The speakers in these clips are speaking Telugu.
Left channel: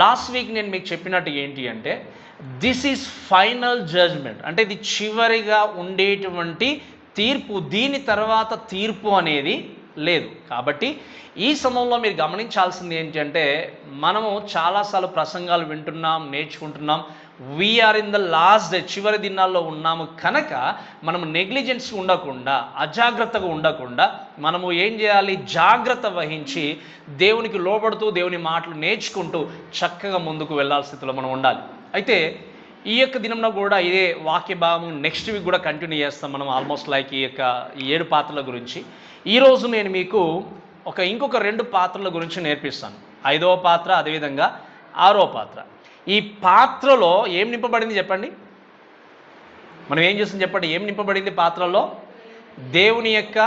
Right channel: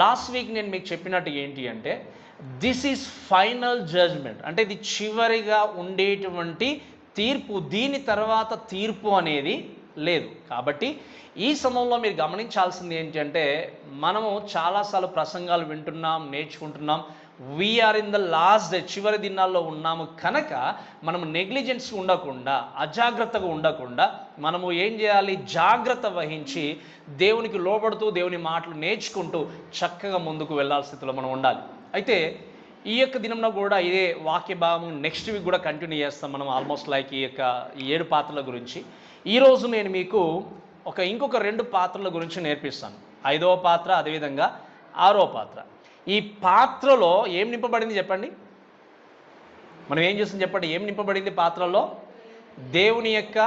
లాస్ట్ వీక్ నేను మీకు చెప్పినట్టు ఏంటి అంటే దిస్ ఈజ్ ఫైనల్ జడ్జ్మెంట్, అంటే ఇది చివరిగా ఉండేటువంటి తీర్పు, దీని తర్వాత తీర్పు అనేది లేదు. కాబట్టి ఈ సమయంలో మీరు గమనించాల్సింది ఏంటి అంటే మనము చాలాసార్లు ప్రసంగాలు వింటున్నాం, నేర్చుకుంటున్నాం. We are in the last day, చివరి దినాల్లో ఉన్నాము కనుక మనము నెగ్లిజెన్స్ ఉండకుండా, అజాగ్రత్తగా ఉండకుండా మనము ఏం చేయాలి, జాగ్రత్త వహించి దేవునికి లోబడుతూ దేవుని మాటలు నేర్చుకుంటూ చక్కగా ముందుకు వెళ్ళాల్సిన స్థితిలో మనం ఉండాలి. అయితే ఈ యొక్క దినంలో కూడా ఇదే వాక్య భాగం నెక్స్ట్ వీక్ కూడా కంటిన్యూ చేస్తాం మనం, ఆల్మోస్ట్ లైక్ ఈ 7 పాత్రల గురించి. ఈరోజు నేను మీకు ఇంకొక 2 పాత్రల గురించి నేర్పిస్తాను. 5వ పాత్ర, అదేవిధంగా 6వ పాత్ర. ఈ పాత్రలో ఏం నింపబడింది చెప్పండి, మనం ఏం చేస్తాం చెప్పండి, ఏం నింపబడింది పాత్రలో? దేవుని యొక్క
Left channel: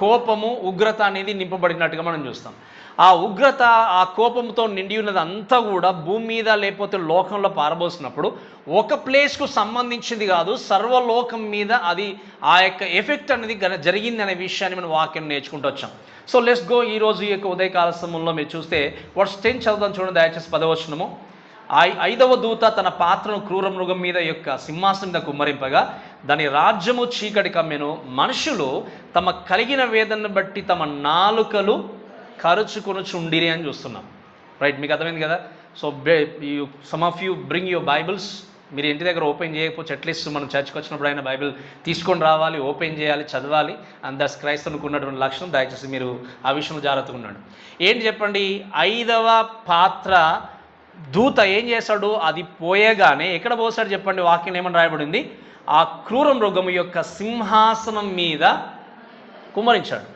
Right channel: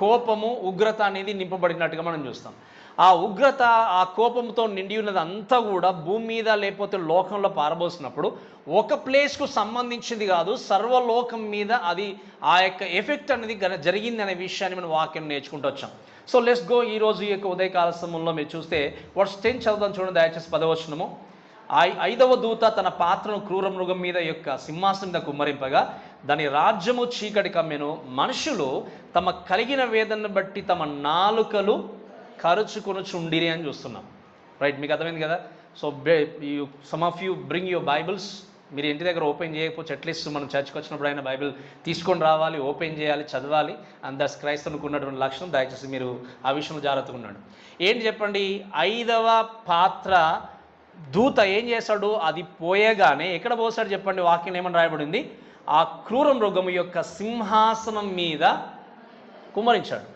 కోపము, ఉగ్రత అనేది నింపబడినట్టుగా మనం చూస్తాం. ఆ ఉగ్రత, ఆ కోపంతో నిండి ఉన్నది అంతా కూడా భూమి మీద లేకపోతే లోకంలో పారబోసినప్పుడు ఒక ప్లేస్కు సంబంధించింది కాదు, సర్వలోకం మీద అది ఆ యొక్క ఎఫెక్ట్ అనేది జరిగింది అనే విషయాన్ని మనం వాక్యం నేర్చుకుంటూ వచ్చాం. So let's go. ఈరోజు ఈ యొక్క ఉదయకాల సమయంలో మీరు చూస్తే వర్స్ 10 చదువుదాం చూడండి, దయచేసి 10వ వచనము. 5వ దూత తన పాత్రను క్రూర మృగం మీద యొక్క సింహాసనం మీద కుమ్మరింపగా దాని రాజ్యము చీకటి కమ్మెను. మనుషులు తమ కలిగిన వేదనను బట్టి తమ నాలుకలు కరుచుకొనుచుండిరి అని చూస్తున్నాం. రైట్, మీకు అర్థమైంది కదా? So some of you bring your Bibles. మీరు ఇంటి దగ్గర ఓపెన్ చేయకపోతే అట్లీస్ట్ మనం చర్చ్కి వచ్చినప్పుడు అయినా బైబిల్ తీసుకొని రావాలి, ఓపెన్ చేయాలి, చదవాలి. అండ్ దట్స్ క్రైస్తవునికి ఉన్నటువంటి లక్షణం. దయచేసి మీరు ఆ విషయంలో జాగ్రత్తగా ఉన్నాడు. ఏంటి చెప్పండి, 5వ పాత్ర దూత ఏం చేశాడు, అది పోయగానే ఎక్కడ పోసాడు చెప్పండి, వాక్యం ఏమని రాయబడింది, ఆ క్రూర మృగము యొక్క సింహాసనం మీద కుమ్మరించాడు.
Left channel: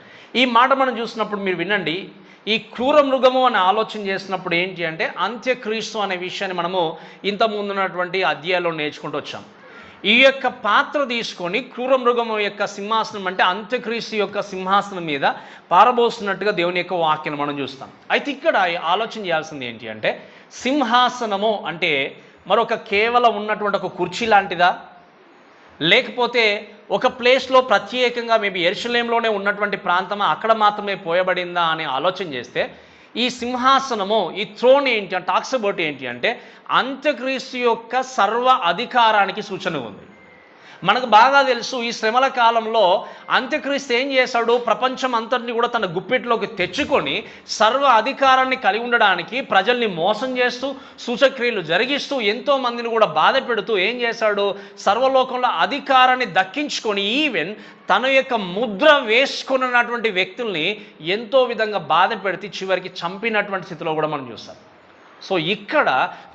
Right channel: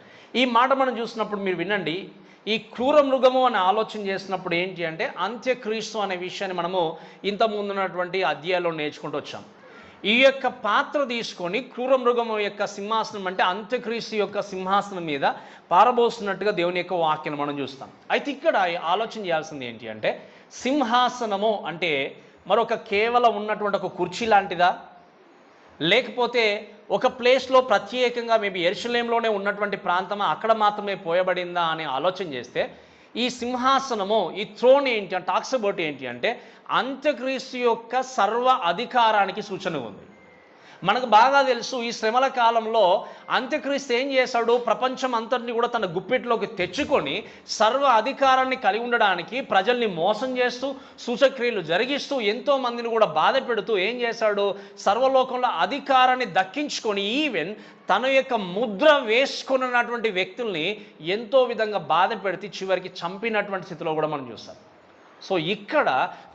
ఈ మాట మనం చూసినప్పుడు మీరు వినండి, ఈ క్రూర మృగము అని ఆలోచన చేసినప్పుడు ఏంటి అంటే అంత్యక్రీస్తు అనే విషయాన్ని మనము ఇంత ముందున్నటువంటి అధ్యాయాల్లో నేర్చుకుంటూ వచ్చాం. ఈ యొక్క పాత్ర తీసుకొని క్రూర మృగము యొక్క సింహాసనం అంటే అంత్యక్రీస్తు యొక్క సింహాసనం మీద పారబోస్తున్నట్టుగా దేవుని యొక్క వాక్యాన్ని మనం చూస్తాం. అయితే ఇక్కడ ఆలోచన చేయాల్సింది ఏంటి అంటే సింహాసనము అంటే మరొక కేవలం ఉన్నటువంటి ఒక కుర్చీ లాంటిదా, లేకపోతే ఒక ప్లేస్లో ప్రత్యేకంగా మేబీ యెరూషలేంలోనే ఉన్నటువంటి ప్రాంతమా, అక్కడ మాత్రమే పోయబడిందా అని ఆలోచన చేస్తే ఈ సింహాసనము, ఈ థ్రోన్ ఏంటి అంటే టాక్స్ అబౌట్ ఏంటి అంటే అంత్యక్రీస్తు యొక్క సర్వ అధికారానికి సూచన ఉంది. మనకు బాగా తెలుసు, ఈ శ్రమల కాలంలో అంత్యక్రీస్తు ఏం చేశాడు, ప్రపంచం అంతటిని కూడా తన గుప్పిట్లోకి తెచ్చుకొని సర్వ అధికారాన్ని కలిగి ఉండడానికి ప్రజల్ని మోసం చేస్తూ, సూచక్రియలు జరిగిస్తూ, ఎంతో మందిని కూడా బాధ పెడుతూ ఏం చేశాడు, సర్వలోకంలో అధికారాన్ని దక్కించుకొని ఈవెన్ తన యొక్క ముద్ర వేసుకున్నటువంటి వ్యక్తుల్ని ఎంతో విధంగా బాధ పెడితే చివరికి చంపినటువంటి స్థితిలో కూడా మనం చూస్తాం. సో ఇక్కడ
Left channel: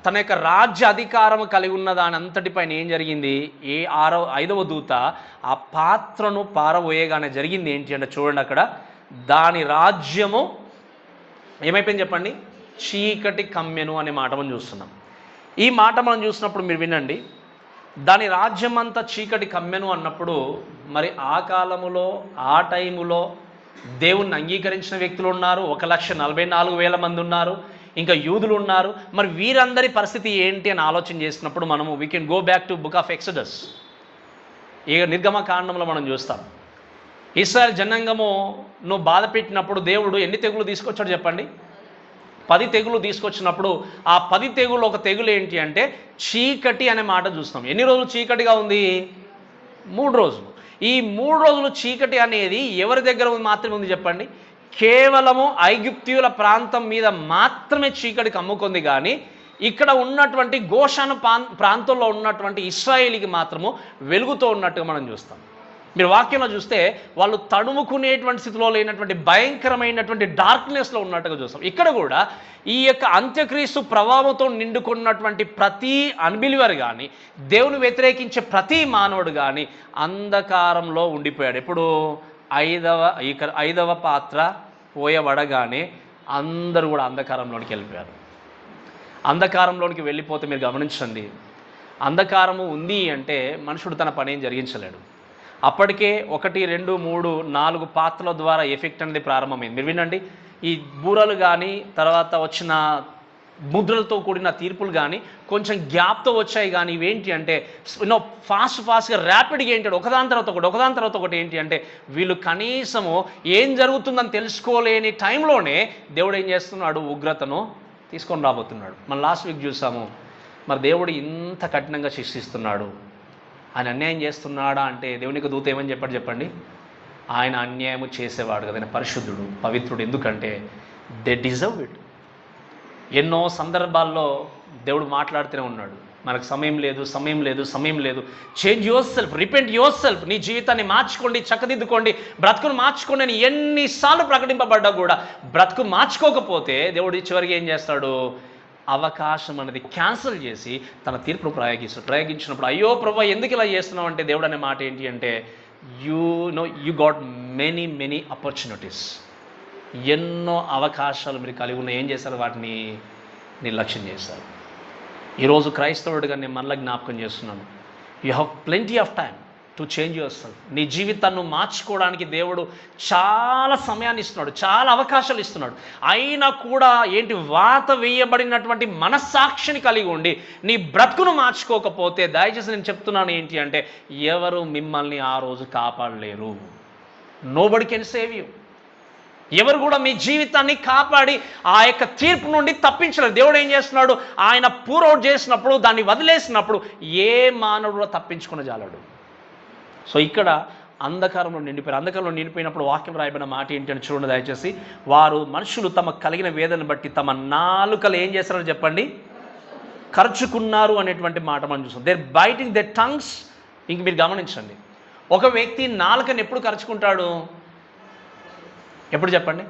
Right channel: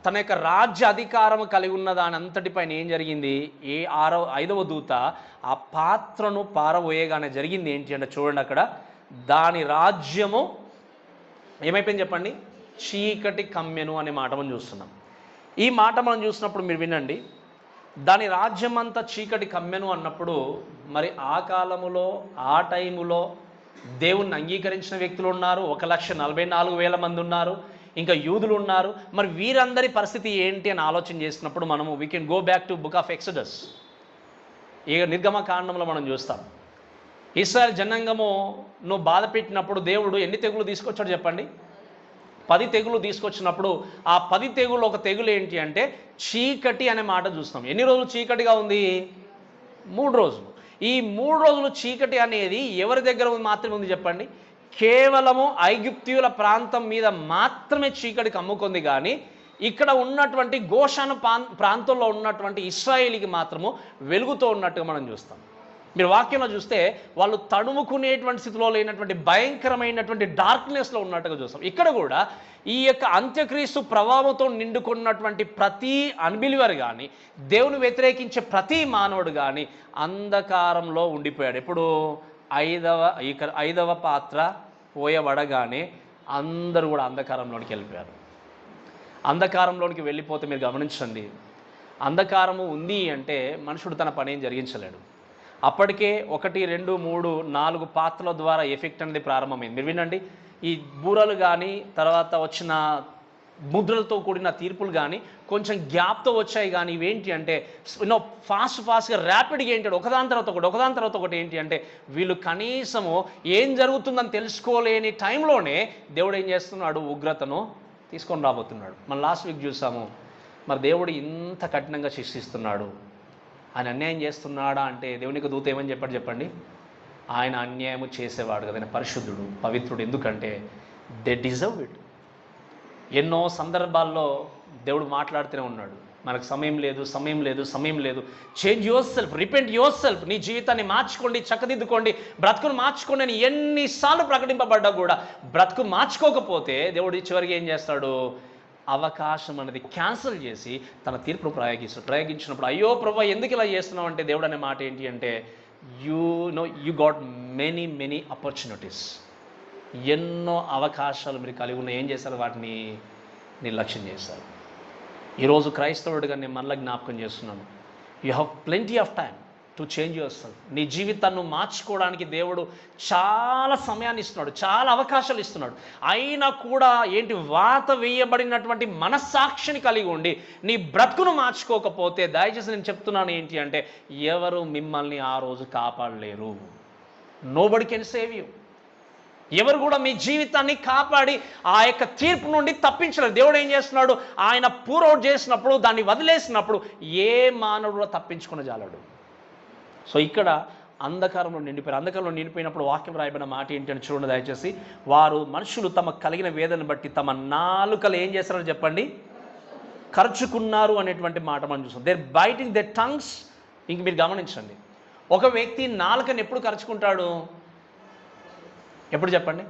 తన యొక్క రాజ్య అధికారం కలిగి ఉన్న దాని అంతటిపైన ఏం జరిగింది, 5వ దూత ఆ పాత్రను పారబోయగానే జరిగింది ఏంటి అంటే చూడండి, అక్కడ దాని రాజ్యము ఏమైపోయింది చెప్పండి, చీకటి కమ్మెను అనే మాట మనం చూస్తున్నాం. ఈ మాట మనం చూసినప్పుడు మీరు వినండి, దాని రాజ్యం అంతా చీకటి కమ్మెను అన్నప్పుడు మరి ఆ కాలములో ఆ టైములో దేవుణ్ణి అంగీకరించిన వ్యక్తులు ఉన్నారు, 1,44,000 మంది ఉన్నారు, ఇంకా యూదులు ఉన్నారు. మరి వీరందరి పరిస్థితి ఏంటి అని ఆలోచన చేసినప్పుడు మనము we can go back to book of Exodus. ఈ నిర్గమకాండంలో మనం చూస్తాం, ఇశ్రాయేల్ జనాంగము నువ్వు బాధ పెట్టినప్పుడు దేవుడు ఎన్ని తెగులు తీసుకొచ్చాడు చెప్పండి, 10 తెగులు తీసుకొచ్చినప్పుడు ఆ 10 తెగులు ఒక తెగులు ఏంటి అంటే చీకటి అనే మాట చూస్తాం. ఎన్ని రోజులు చీకటిగా ఉంది, 3 రోజులు. ఈ 3 రోజులు చీకటి అనేది ఎవరి దగ్గర మాత్రమే ఉంది చెప్పండి, కేవలము ఐగుప్తీయుల ప్రాంతం మీద మాత్రమే చీకటి కమ్ముకుంది, కానీ ఇక్కడ ఉన్నటువంటి గోషాను ప్రాంతంలో ఉన్నటువంటి ఇశ్రాయేలీకి మాత్రము వెలుగుతో ఉన్నట్టుగా మనం చూస్తాం. మీరు వాక్యంలో చూస్తే వాళ్ళు తడుముకునేటువంటి స్థితిలో లేనటువంటి భయంకరమైనటువంటి డార్క్నెస్లో ఉన్నట్టుగా చూస్తాం. ఇక్కడ కూడా ఈ యొక్క అంత్యక్రీస్తు ప్రభావంతో నిండుకున్నటువంటి ప్రతి అన్బిలీవర్ కానీ, దేవుని వ్యతిరేకించే ప్రతి మానవుడు కానీ అంధకారంలో ఉండిపోయాడు. ఇప్పుడు 5వ పాత్ర పోయబడగానే అందరూ కూడా అంధకారంలోనికి వెళ్ళిపోయారు. అంధకారంలోనికి వెళ్ళిపోతే మీరు గమనించండి, అంధకారము ఉంది అంటే మనుషుడు తన పని ఏం జరిగించలేడు. అప్పటికే 1, 2, 3, 4 పాత్రల ద్వారా ఎఫెక్ట్ అనేది ప్రారంభమైంది. మీరు వినండి, ఈ బూరలు కానీ తర్వాత వచ్చిన ముద్రలతో కూడిన తీర్పులు కానీ కొంచెం గ్యాప్తో వచ్చాయి, కానీ ఇవేంటి అంటే ఫాస్ట్గా ర్యాపిడ్గా ఏంటి అంటే ఒకదాని తర్వాత ఒకటి ఏంటి అంటే వీళ్ళు కనీసము ఏం జరుగుతుందని తెలుసుకోలేని టైంలోనే దేవుడు ఏం చేస్తున్నాడు, ఉగ్రతను తీసుకొని రాబోతున్నాడు. మనం లాస్ట్ వీక్ చూసాము, మరి దేవుడు ఇంత కఠినంగా శిక్షిస్తున్నాడు, ఆయన అన్యాయం చేస్తున్నాడా అంటే దేవునికి దూత ఏమని చెప్పండి, ఆయన అన్యాయం చేసేవాడు కదా, ఆయన పరిశుద్ధుడు, పవిత్రుడు. ఎందుకంటే దే డిజర్వ్ ఇట్. ఎన్నో సందర్భాల్లో దేవుడు మాట్లాడుతూనే ఉన్నాడు, మనకు సమయం లేదు. Change your self, repent your self, నీ జీవితాన్ని మార్చుకోండి, చక్కదిద్దుకోండి, బ్రతుకును మార్చుకోండి అని ఎన్నిసార్లు ప్రకటింపబడ్డా కూడా బ్రతుకు మార్చుకోకపోతే దేవుడు చివరికి ఏం చేస్తాడు, అవకాశం అనేది క్యాన్సిల్ చేసి తన తీర్పును ప్రయోగించినప్పుడు అయ్యో ప్రభా ఎందుకు ఇలా చేస్తున్నావు అంటే దేవుడు అనే మాట ఏంటి అంటే యూ గాట్ మెనీ ఆపర్చునిటీస్. ఎన్నో అవకాశాలు మీరు కలిగి ఉన్న ఏం చేశారు, వాటిని నిర్లక్ష్యం చేశారు. ఈరోజు క్రైస్తవుడిగా నేను మళ్ళీ జ్ఞాపకం చేస్తున్నాను, you have plenty of time to change your self. నీ జీవితాన్ని మార్చుకోవడానికి దేవుడు చాలా సమయాన్ని ఇస్తున్నాడు, చాలా అవకాశాలు ఇస్తున్నాడు. అయినా కూడా ఏంటి, వాత వేయబడినటువంటి మనస్సాక్షిని కలిగి ఉండి నీ బ్రతుకును మార్చుకోకపోతే దయచేసి నేను చెప్తున్నాను ఏంటి అంటే ఎవరు మిమ్మల్ని ఆ రోజు కాపాడలేరు. Nobody can save you. ఎవరు కూడా మీ జీవితాన్ని కాపాడి ఆ యొక్క తీర్పు నుండి తప్పించలేరు. దేవుడు ఏం చేస్తున్నాడు, ఆయన పూర్అవుట్ చేసినప్పుడు, దాన్ని వదిలేసినప్పుడు ఏ మానవుడు తప్పించుకుని జాలడు. సో ఇక్కడ అంధకారంలో నిండిపోయినప్పుడు వాక్యం రాయబడిన మాట ఏంటి అని చూడండి దయచేసి. వారు మనుషులు తమ కలిగిన వేదనను బట్టి తమ నాలుకలు ఏం చేస్తారో చెప్పండి, ఖర్చుకున్నారు అనేటువంటి మాట మనం చూస్తాం. They're biting their tongues. ఇంక మీరు గమనించండి, ఒక వ్యక్తి నాలుకని ఎప్పుడు ఖర్చుకుంటాడు, ఎప్పుడు చెప్పండి.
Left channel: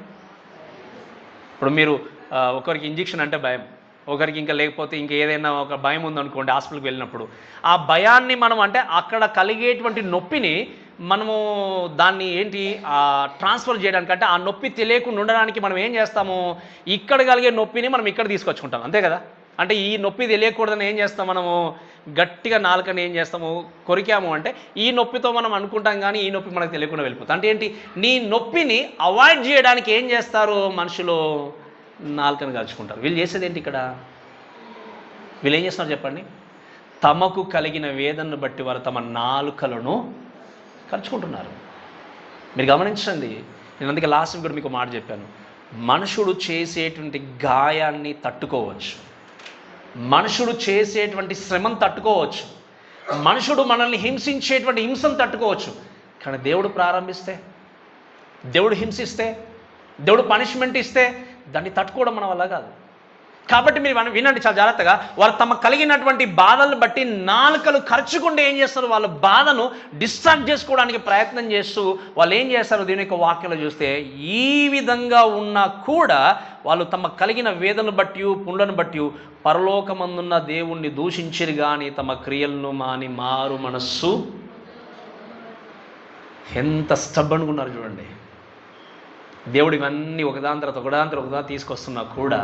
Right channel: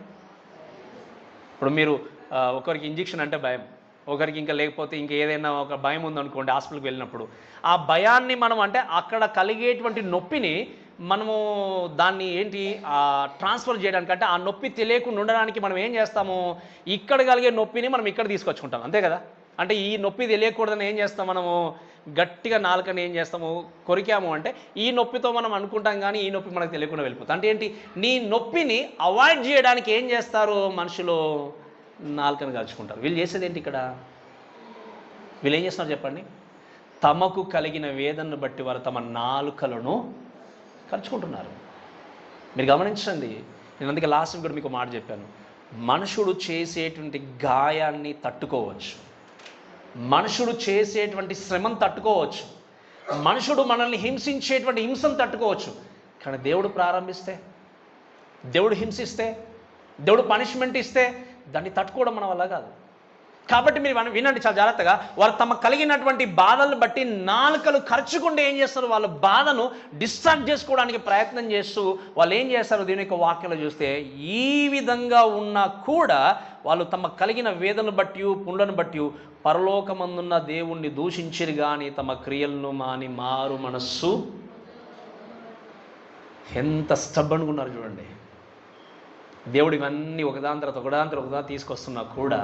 ఇప్పుడు మీరు ఒకరికి ఇంజెక్షన్ అంటే భయం, ఒకరికి ఇంకా లేకపోతే ఇంకా ఏదైనా ఒక భయం ఉందనుకోండి, హాస్పిటల్కి వెళ్ళినప్పుడు ఆ భయాన్ని మనం అంటే అక్కడ కలిగేటువంటి నొప్పిని మనము దాన్ని ఏంటి ట్రాన్స్ఫర్ చేయడానికి, అంటే ఆ నొప్పి తెలియకుండా ఉండడానికి మనం ఏం చేస్తాము, ఇక్కడ కలిగే నొప్పిని మనం ఇక్కడ తీసుకొచ్చుకుంటాం, అంతే కదా. అంటే ఈ నొప్పి తెలియకూడదని ఏం చేస్తాం, మనము గట్టిగా నాలుకని ఏం చేస్తాము, కొరికాము అంటే ఈ నొప్పితో మనం అనుకుంటాం, కానీ ఈ నొప్పి మనకు తెలియకుండా వెళ్ళిపోతుంది. అంటే ఏంటి, నీ నొప్పిని అవాయిడ్ చేయడానికి ఏం చేస్తారు మనుషులు, నాలుకని కలుచుకుంటారు. వీళ్ళు చేసేది ఏంటి ఇక్కడ, వీళ్ళు ఏం చేస్తున్నారు చెప్పండి, తమకు కలిగిన వేదనను బట్టి వారు తమ నాలుకలను ఖర్చుకుంటున్నారు. మీరు గమనించండి, నేను అందుకే లాస్ట్ కూడా మీకు మాట చెప్పాను, మనుషుడు చేసేటువంటి గాయాన్ని తట్టుకోవచ్చు, మనుషుడు చేసేటువంటి శ్రమను తట్టుకోవచ్చు, మనుషుడు మనల్ని హింసించేటువంటి హింసను తట్టుకోవచ్చు. కానీ దేవుడు ప్రారంభిస్తే, దేవుడు హింసిస్తే, దేవుడు పనిష్మెంట్ ఇస్తే దాన్ని తట్టుకోవడం మన వల్ల కాదు. కాబట్టి మీరు వినండి చాలా జాగ్రత్తగా. వారు తమ కలిగినటువంటి బాధలను బట్టి నాలుకలు ఖర్చుకుంటే ఏం చేస్తారు, వాళ్ళ బాధను డిశ్చార్జ్ చేసుకోవడానికి ప్రయత్నం చేస్తూ వాళ్ళు ఏం చేస్తారు, దీని యొక్క వాక్యంలో చూస్తే ఈ విధంగా ఉన్నా కూడా వాళ్ళు తమ కలిగిన వేదనను బట్టి పుండ్లను బట్టి పరలోకమందున్న దేవుణ్ణి దూషించిరు కానీ తమ క్రియలను మాని మారు మనస్సు. ఎంత స్టబ్బన్గా ఉన్నారు చూడండి. దేవుడు ఇవన్నీ ఒకదాని తర్వాత తీసుకొస్తున్నా కూడా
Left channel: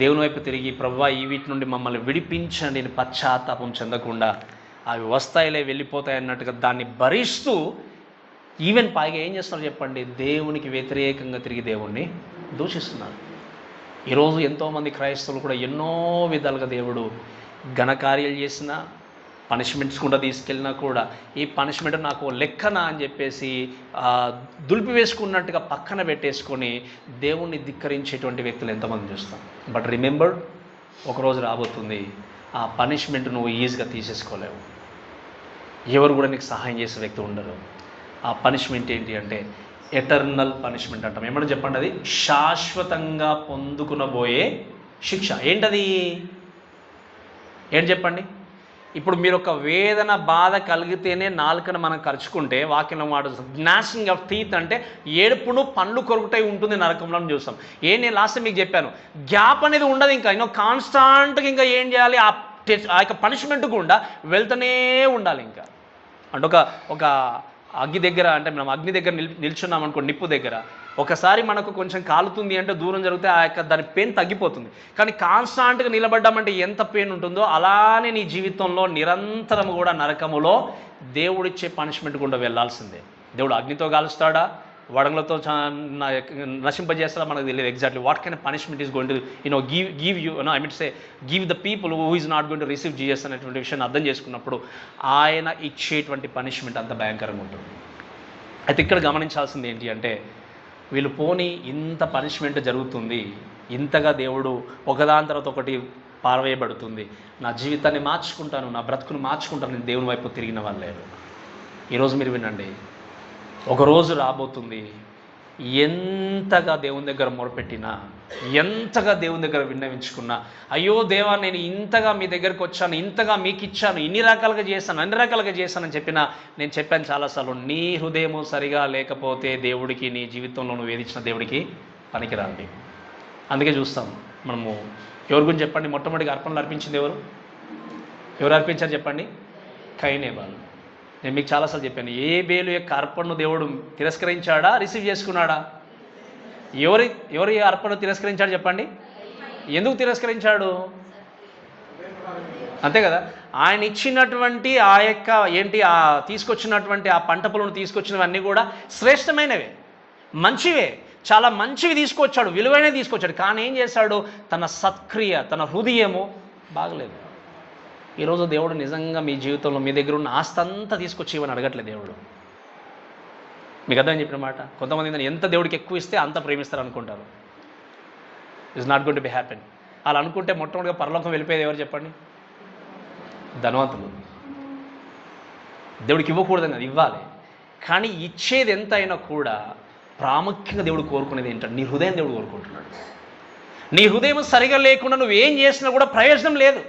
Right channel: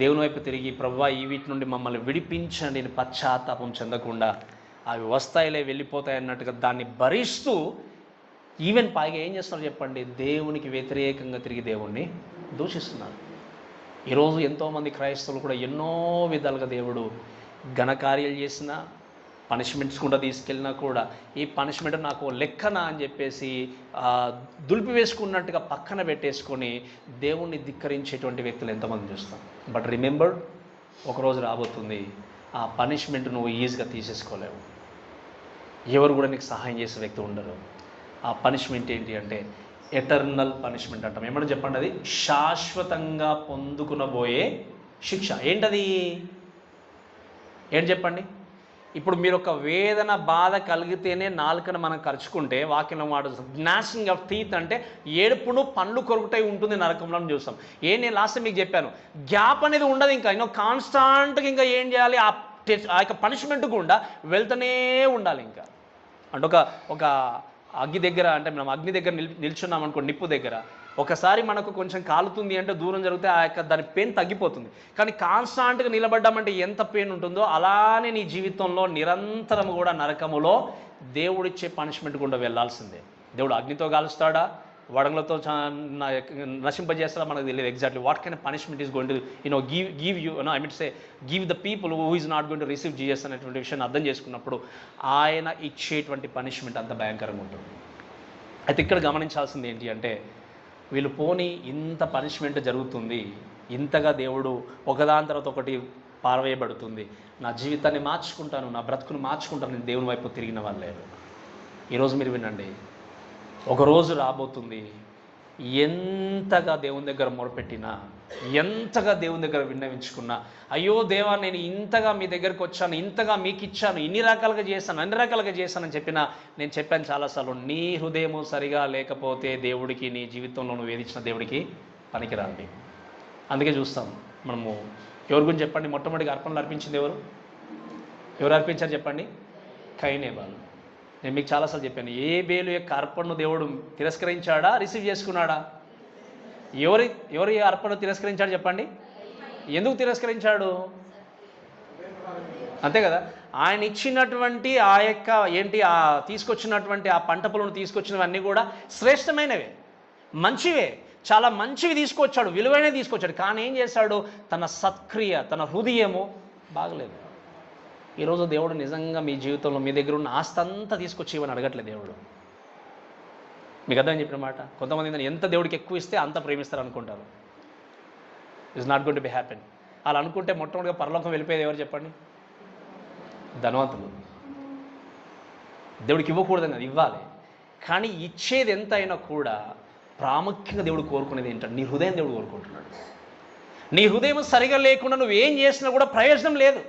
దేవుని వైపు తిరిగి ప్రభువా ఈ వీటి నుండి మమ్మల్ని విడిపించండి అని పశ్చాత్తాపం చెందకుండా అవి వస్తాయిలే వెళ్ళిపోతాయి అన్నట్టుగా దాన్ని భరిస్తూ ఈవెన్ పైగా ఏం చేస్తున్నారు చెప్పండి, దేవునికి వ్యతిరేకంగా తిరిగి దేవుణ్ణి దూషిస్తున్నారు. ఈరోజు ఎంతోమంది క్రైస్తవులు కూడా ఎన్నో విధాలుగా దేవుడు ఘనకార్యాలు చేసినా పనిష్మెంట్స్ కూడా తీసుకెళ్ళినా కూడా ఈ పనిష్మెంట్ నాకు లెక్కనా అని చెప్పేసి దులిపి వేసుకున్నట్టుగా పక్కన పెట్టేసుకొని దేవుణ్ణి ధిక్కరించేటువంటి వ్యక్తులు ఎంతమంది చూస్తాం. బట్ రిమెంబర్, ఒకరోజు రాబోతుంది ఆ పనిష్మెంట్ నువ్వు ఈజీగా తీసేసుకోలేవు, ఎవరు కూడా నీకు సహాయం చేసే వ్యక్తి ఉండరు. ఆ పనిష్మెంట్ ఏంటి అంటే ఎటర్నల్ పనిష్మెంట్ అంటాం. ఏమన్నా చెప్పండి, అది శాశ్వతంగా పొందుకునబోయే శిక్ష. ఏంటది, ఏంటి చెప్పండి. ఇప్పుడు మీరు ఒక వేదన బాధ కలిగితేనే నాలుకను మనం ఖర్చుకుంటే వాక్యంలో మాట జ్ఞాషింగ్ ఆఫ్ టీత్ అంటే ఏడుపును పండ్లు కొరుకుటై ఉంటుంది నరకంలో చూస్తాం. నేను లాస్ట్ మీకు చెప్పాను, గ్యాప్ అనేది ఉండదు, ఇంకా కాన్స్టాంట్గా ఇంకా ఏం చేయాలి, ఆ యొక్క పనిష్మెంట్ గుండా వెళ్తూనే ఉండాలి. ఇంకా అంటే ఒక అగ్గి దగ్గర, అంటే మనం అగ్ని దగ్గర నిల్చున్నాం అనుకో, నిప్పు దగ్గర ఒకసారి మనకు కొంచెం కాలుతుంది అంటే దూరం జరిగితే ఆ యొక్క దాని పెయిన్ తగ్గిపోతుంది. కానీ కాన్స్టాంట్గా నిలబడ్డామంటే ఎంత పెయిన్ ఉంటుందో అలానే నీ జీవితంలో నిరంతరం కూడా నరకములో దేవుడిచ్చే పనిష్మెంట్ గుండా వెళ్ళాల్సిందే. దేవుడు అగ్నితో కాలుస్తాడా, వడగలతో నశింపజేస్తాడా మనకు తెలియదు. Exactly what kind of punishment is going to give you I mean say give the people who is not going to receive Jesus అనేటువంటి విషయాన్ని అర్థం చేసుకున్నప్పుడు ఆయన ఇచ్చేటువంటి పనిష్మెంట్ అంత భయంకరంగా ఉంటుంది. అయితే ఇక్కడ గమనించాల్సింది ఏంటి అంటే వీళ్ళు పోనీ ఇంత పనిష్మెంట్ జరుగుతుంది, ఇంతగా దేవుడు ఒకదాని తర్వాత ఒకటి పారవేయబడుతుంది. నా జీవితాన్ని మార్చుకుంటాను, నా బ్రతుకును మార్చుకుంటాను, నేను దేవుని వైపు తిరిగిన వాళ్ళు లేరు. ఈరోజు మీరు వినండి, ఒకరోజు రాబోతుంది, ఎంతగా దేవుని దగ్గర మొరపెట్టినా, ఎంతగా దేవుని దగ్గర విన్నవించుకున్నా, అయ్యో దేవా నేను ఇంతగా మీ దగ్గరికి వచ్చాను, ఇంతగా మీకు ఇచ్చాను, ఇన్ని రకాలుగా చేశాను, అన్ని రకాలుగా చేశానని చెప్పినా, నేను చెప్పాను చాలాసార్లు, నీ హృదయము సరిగా లేకపోతే దేవుడికి, నీ జీవితంలో నువ్వు వేధించిన దేవుడికి పనికిరాంది. అందుకే చూస్తాం మనము. ఎవరి గురించి చెప్పండి? మొట్టమొదటిగా అర్పణలు అర్పించింది ఎవరు అర్పించారు చెప్పండి? కయీనేబాలు. నేను మీకు చాలాసార్లు చెప్పాను, ఏబేలు యొక్క అర్పణను దేవుడు తిరస్కరించాడా, రిసీవ్ చేసుకున్నాడా? ఎవరి అర్పణ తిరస్కరించాడు చెప్పండి? ఎందుకు తిరస్కరించాడు? అంతే కదా, ఆయన ఇచ్చినటువంటి ఆ యొక్క తీసుకొచ్చినటువంటి ఆ పంట పొలను తీసుకొచ్చినవన్నీ కూడా శ్రేష్టమైనవే, మంచివే, చాలా మంచివి తీసుకొచ్చాడు, విలువైనవి తీసుకొచ్చాడు. కానీ ఏం చేశాడు? తన సత్క్రియ, తన హృదయము బాగలేదు. ఈరోజు దేవుడు నిజంగా మీ జీవితంలో మీ దగ్గర ఉన్న ఆస్తి అంతా తీసుకొచ్చి ఇవన్నీ అడగట్లేదు దేవుడు. మీకు అర్థం చెప్పిన మాట. కొంతమంది ఎంత దేవుడికి ఎక్కువ ఇస్తే అంత ప్రేమిస్తారు అనుకుంటారు. It's not going to be happen. అలా అనుకుంటే మొట్టమొదటిగా పరలోకం వెళ్ళిపోయేది ఎవరు చెప్పండి? ధనవంతులు. దేవుడికి ఇవ్వకూడదు కదా, ఇవ్వాలి. కానీ ఇచ్చేది ఎంత అయినా కూడా ప్రాముఖ్యంగా దేవుడు కోరుకునేది ఏంటంటే నీ హృదయం దేవుడు కోరుకుంటున్నాడు. నీ హృదయం సరిగా లేకుండా నువ్వేం చేసినా కూడా ప్రయోజనం లేదు,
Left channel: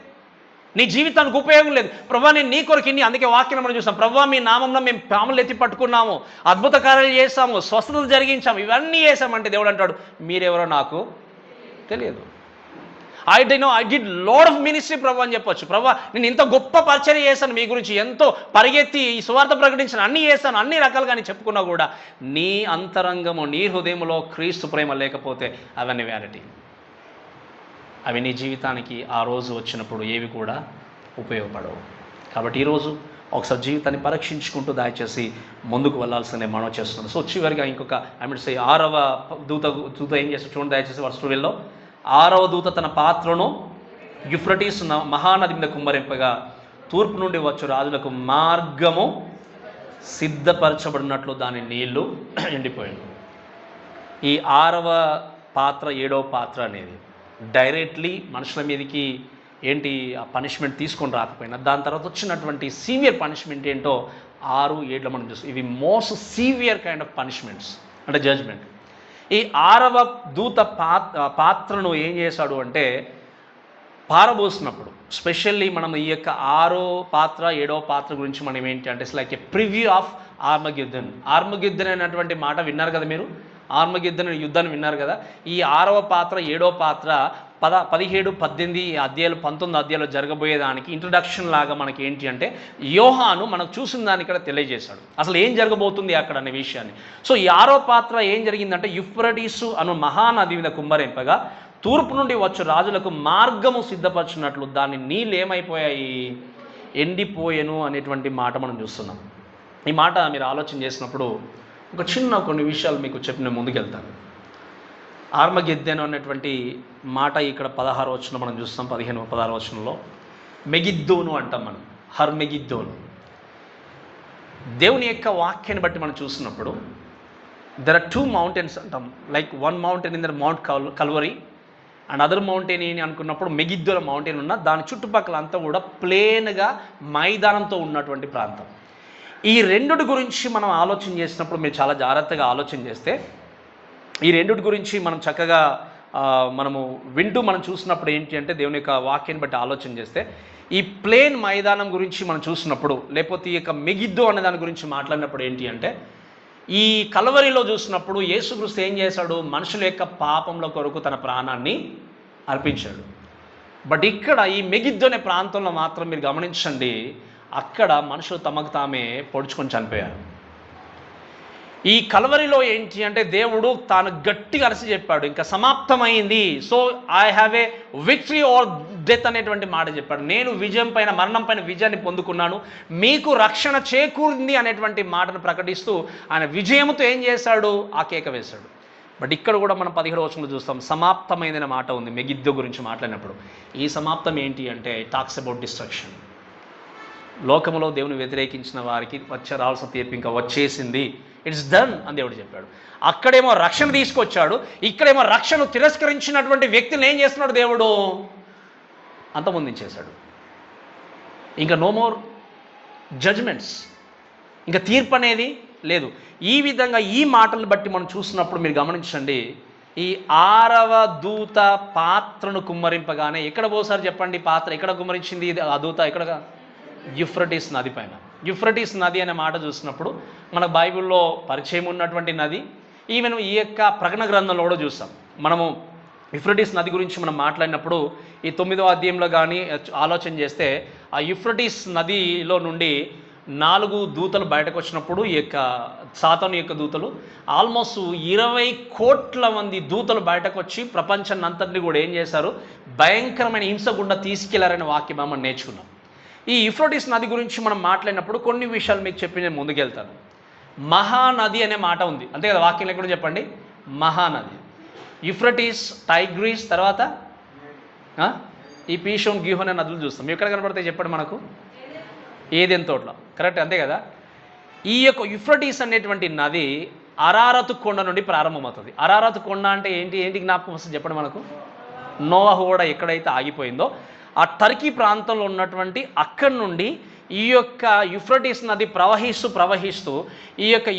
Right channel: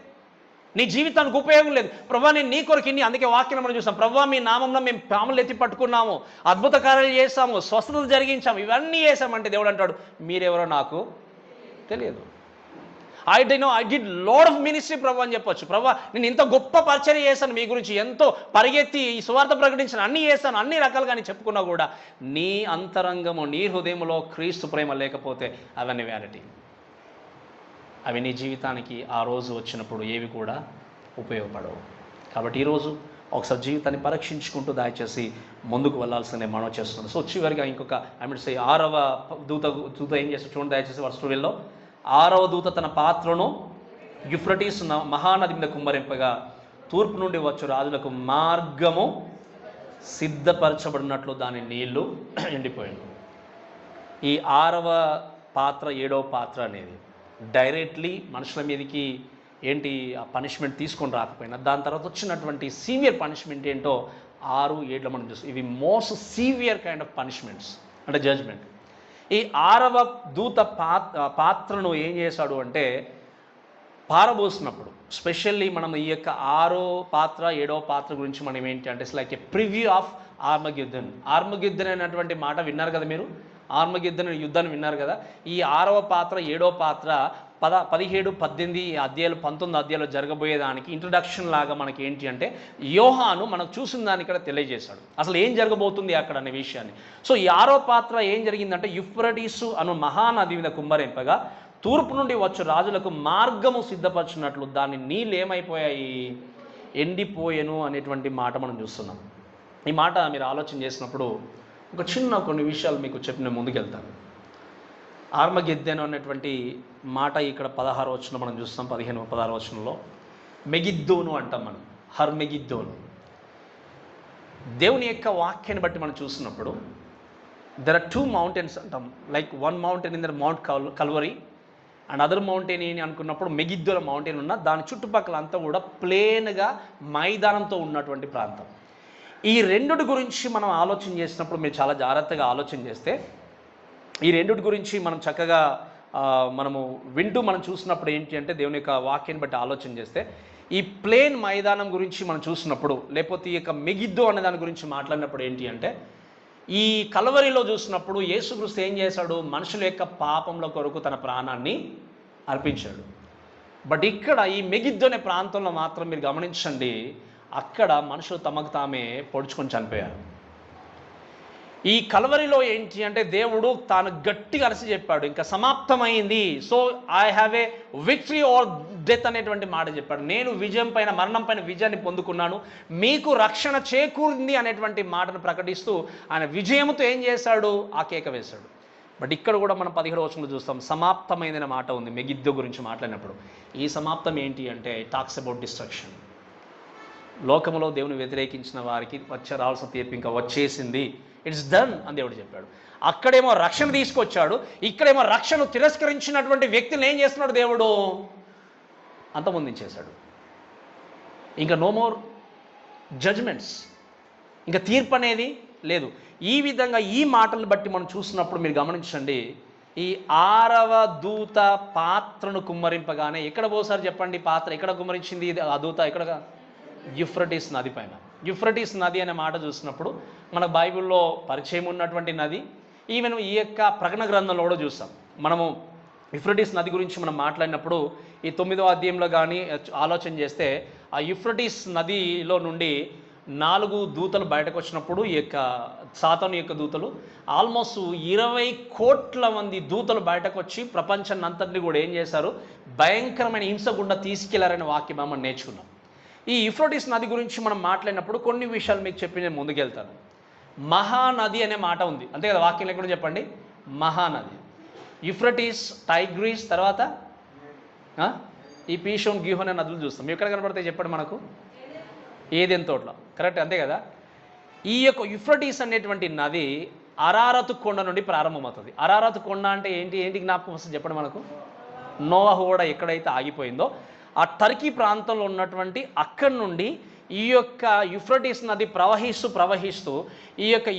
నీ జీవితానికి ఉపయోగం లేదు. ప్రభా నేను నీ కొరకు ఇన్ని, అందుకే వాక్యం మనం చూసాం, ప్రభా మీ నామంలో మేము పాములు ఎత్తి పట్టుకున్నాము, అద్భుత కార్యాలు చేస్తాము, స్వస్థతలు జరిగించాము, ఇవన్నీ చేసామంటే దేవుడు అంటాడు మీరెవరో నాకు తెలియదు. I did lot of ministry ప్రభా అని చెప్పొచ్చు. ప్రభా నేను ఇంత గొప్ప పరిచర్య చేశాను, మీ గురించి ఎంతో పరిగెత్తి ఈ సువార్త ప్రకటించాను, అన్నీ చేస్తాను, అన్ని రకాలుగా అని చెప్పుకున్నా కూడా నీ అంతరంగము, నీ హృదయంలో క్రీస్తు ప్రేమ లేకపోతే అవన్నీ వ్యానిటీ. అవి నీ జీవితానికి ఆ రోజు వచ్చినప్పుడు ఏవి కూడా ఉపయోగపడవు. కాబట్టి ఈరోజు ఒకసారి జీవితాన్ని పరీక్షించుకుంటూ దయచేసి ముందుకు వెళ్ళాల్సిందే మనం చేస్తున్నాం. సో చివరిగా ఇంకొక సే 6వ దూత ఏం చేస్తాడు చూడండి దయచేసి వర్స్ 12లో. 6వ దూత తన పాత్రను యూఫ్రటీస్ మహానది మీద కుమ్మరింపగా తూర్పు నుండి వచ్చు రాజులకు మార్గము సిద్ధపరచబడినట్లు దాని నీళ్లు ఎండిపోయాడు. ఈ 6వ పాత్ర 7వ పాత్ర అనేది డైరెక్ట్లీ మనుషుల మీదకి ఆ పనిష్మెంట్ తీసుకొని రాకపోయినా దాని తర్వాత వచ్చినటువంటి సీవియర్ పనిష్మెంట్ ఏంటో 6, 7లో మనం చూస్తాం. ఇవి most severe kind of punishments, అంటే జడ్జ్మెంట్. ఈ 6వ దూత పాత్రను ఏం చేశాడు అంటే పారబోసినప్పుడు, స్పెషల్లీ మనం ఈ యొక్క 6వ పాత్ర 7వ పాత్ర గురించి మనం ఏంటి అంటే లైక్ ఏ ప్రివ్యూ ఆఫ్ ఆర్మగెద్దన్. ఆర్మగెద్దన్ అనేటువంటి మాట విన్నారు కదా మీరు, ఆర్మగెద్దన్ యుద్ధాన్ని విన్నారు కదా. ఈ 6వ పాత్ర 7వ పాత్ర 17, 18 అధ్యాయాలు 19 అధ్యాయాలు జరగబోయేదానికి ఇంట్రడక్షన్ లాగా మనకి ఏంటి అంటే యోహాను మనకు చూసిన దాన్ని ఇక్కడ తెలియజేశాడు అసలు ఏం జరగబోతుంది అక్కడ అనే విషయాన్ని. సో ఈ 6వ పాత్ర ఏం జరిగిందంటే యూఫ్రటీసు అను మహానది మీద కుమ్మరింపగా తూర్పు నుండి వచ్చు రాజులకు మార్గము సిద్ధపరచున్నట్లు దాని నీళ్ళు ఏమైపోయాయి, ఎండిపోయెను అనేటువంటి మాట మనం చూస్తున్నాం. ఈ మాట మీరు ఆలోచన చేసినప్పుడు ఒక కొన్ని విషయాలు మీకు చెప్పిన ముందుకెళ్తాను. ఆర్మగెద్దెను అనేటువంటి మాట ఇక్కడ 16వ వచనంలో మనం చూస్తాం. 15, 16వ వచనంలో మెగిద్దోను అంటాం మనం, హర్మెగిద్దోను. దేవుని యొక్క వాక్యాన్ని బట్టి మనం చూసినప్పుడు దెర్ ఆర్ 2 మౌంటైన్స్ అంటాం. Like one mountain in the mount Calvary and other mountain ఏంటి అనుకున్నప్పుడు మెగిద్దోల మౌంటైన్ ఉన్న దాని చుట్టుపక్కల అంతా కూడా ప్లేన్గా మైదానంతో ఉన్నటువంటి ప్రాంతం. ఈ రెండుటి గురించి మనం ఆలోచన చేసినప్పుడు మీరు చాలా జాగ్రత్తగా ఆలోచన చేస్తే ఈ రెండుటి గురించి మనం చక్కగా మనము వింటూ మనం చూసినప్పుడు ఏంటి అంటే దేవుని యొక్క వాక్యాన్ని బట్టి ఆలోచన చేస్తే ఈ ప్లేన్ మైదానం గురించి మనం చూసినప్పుడు, లేకపోతే ఈ యొక్క మెగిద్దో అనే దాని గురించి మాట్లాడినప్పుడు ఏంటి అంటే ఈ కల్వరిలో చూసినప్పుడు యేసుక్రీస్తు ఏం చేశాడు, మనుషుల యొక్క పాపంలో కొరకు తన ప్రాణాన్ని అర్పించాడు. బట్ ఇక్కడ ఈ మెగిద్దో అనే ప్రాంతంలో మాత్రం మీరు గమనించండి, అక్కడ మనుషులు తమకు తామే పొడుచుకొని చనిపోయారు. ఈ కల్వరిలో ఏంటి అంటే దేవుడు తాను గట్టిగా అరిసి చెప్పాడు ఇంకా సమాప్తమైంది. So I have a victory or death అనేటువంటి మాట చెప్పాడు. నేను విజయం పైన, మరణం పైన విజయాన్ని పొందుకున్నాను, మీకు రక్షణ చేకూరింది అనేటువంటి మాటను ప్రకటిస్తూ ఆయన విజయంతో ఏం చేశాడు, ఆ కేక వేశాడు. బట్ ఇక్కడ కూడా మనం 17వ వచనంలో చూస్తాం సమాప్తమైన మాట ఉంది మెగిద్దో గురించి మాట్లాడినప్పుడు. ఈ సమాప్తం ఏంటి అంటే టాక్స్ అబౌట్ డిస్ట్రక్షన్. లోకములో దేవుని వ్యతిరేకించిన వారికి రావాల్సిన తీర్పు ఇంకా వచ్చేసింది, ఇట్స్ డన్ అని దేవుడు చెప్పాడు. అక్కడేమో రక్షణ తీసుకొచ్చాడు, ఇక్కడేమో రక్షణ తిరస్కరించినటువంటి వ్యక్తిని ఏం చేస్తున్నాడు దేవుడు? అంతమొందించేశాడు. ఇంకా నో మోర్ జడ్జ్మెంట్స్, ఇంకా తీర్పు అనేది లేదు. ఈ విధంగా ఈ మాటలను బట్టి మనం చూసినప్పుడు మీరు గమనించండి, ఈ 6వ దూత పాత్రను కుమ్మరింపగానే ఎక్కడ పోసారు చెప్పండి? పాత్ర ఎక్కడ కుమ్మరించింది ఆ దూత? ఎక్కడ? యూఫ్రటీస్ నది పైన. యూఫ్రటీస్ నది అనే మాట చూసినప్పుడు మన బైబిల్లో పరిచయం ఉన్నటువంటి నది. ఈవెన్ ఈ యొక్క ప్రకటన గ్రంథంలో కూడా చూస్తాం మనము. యూఫ్రటీస్ నది గురించి మనం మాట్లాడినప్పుడు ఈ 9వ అధ్యాయంలో కానీ ఆలోచన చేస్తే, ఆ యూఫ్రటీస్ నదిలో నుండి 4 దూతలు బయటకు వచ్చినప్పుడు ఈ యొక్క సాతాను యొక్క దూతలు ఆల్మోస్ట్ 20 కోట్ల మంది దూతలు బయటకు వచ్చి ప్రపంచాన్ని అంతటిని కూడా ఏం చేశారు? భయంకరమైన హింస గుండా తీసుకెళ్లారనే వాక్యం మనం నేర్చుకున్నాం. ఈ యూఫ్రటీస్ నది గురించి మనం మాట్లాడినప్పుడు కొన్ని విషయాలు మీకు చెప్పి నేను ముందుకెళ్తాను. మహానది అనే మాట ఉంది అంతే కదా? వాక్యం ఎక్కడ చెప్పండి? మహానది. యూఫ్రటీస్, టైగ్రీస్, తర్వాత ఈ పీషోన్, గిహోన్ అనే నదులు చూస్తాం. ఎక్కడ కనబడతాయి చెప్పండి మనకు? ఏదెన్ తోటలో, కరెక్ట్ అంతే కదా? ఈ యొక్క యూఫ్రటీస్ అనేటువంటి నది అరారతు కొండ నుండి ప్రారంభమవుతుంది. అరారతు కొండ అంటే ఏంటి జ్ఞాపకం వస్తుంది చెప్పండి మనకు? నోవహు ఓడ ఎక్కడైతే ఆగిపోయిందో ఆ టర్కీ ప్రాంతంలో ఉన్నటువంటి అక్కడి నుండి ఈ యొక్క యూఫ్రటీస్ నది ప్రవహిస్తూ ఈ యొక్క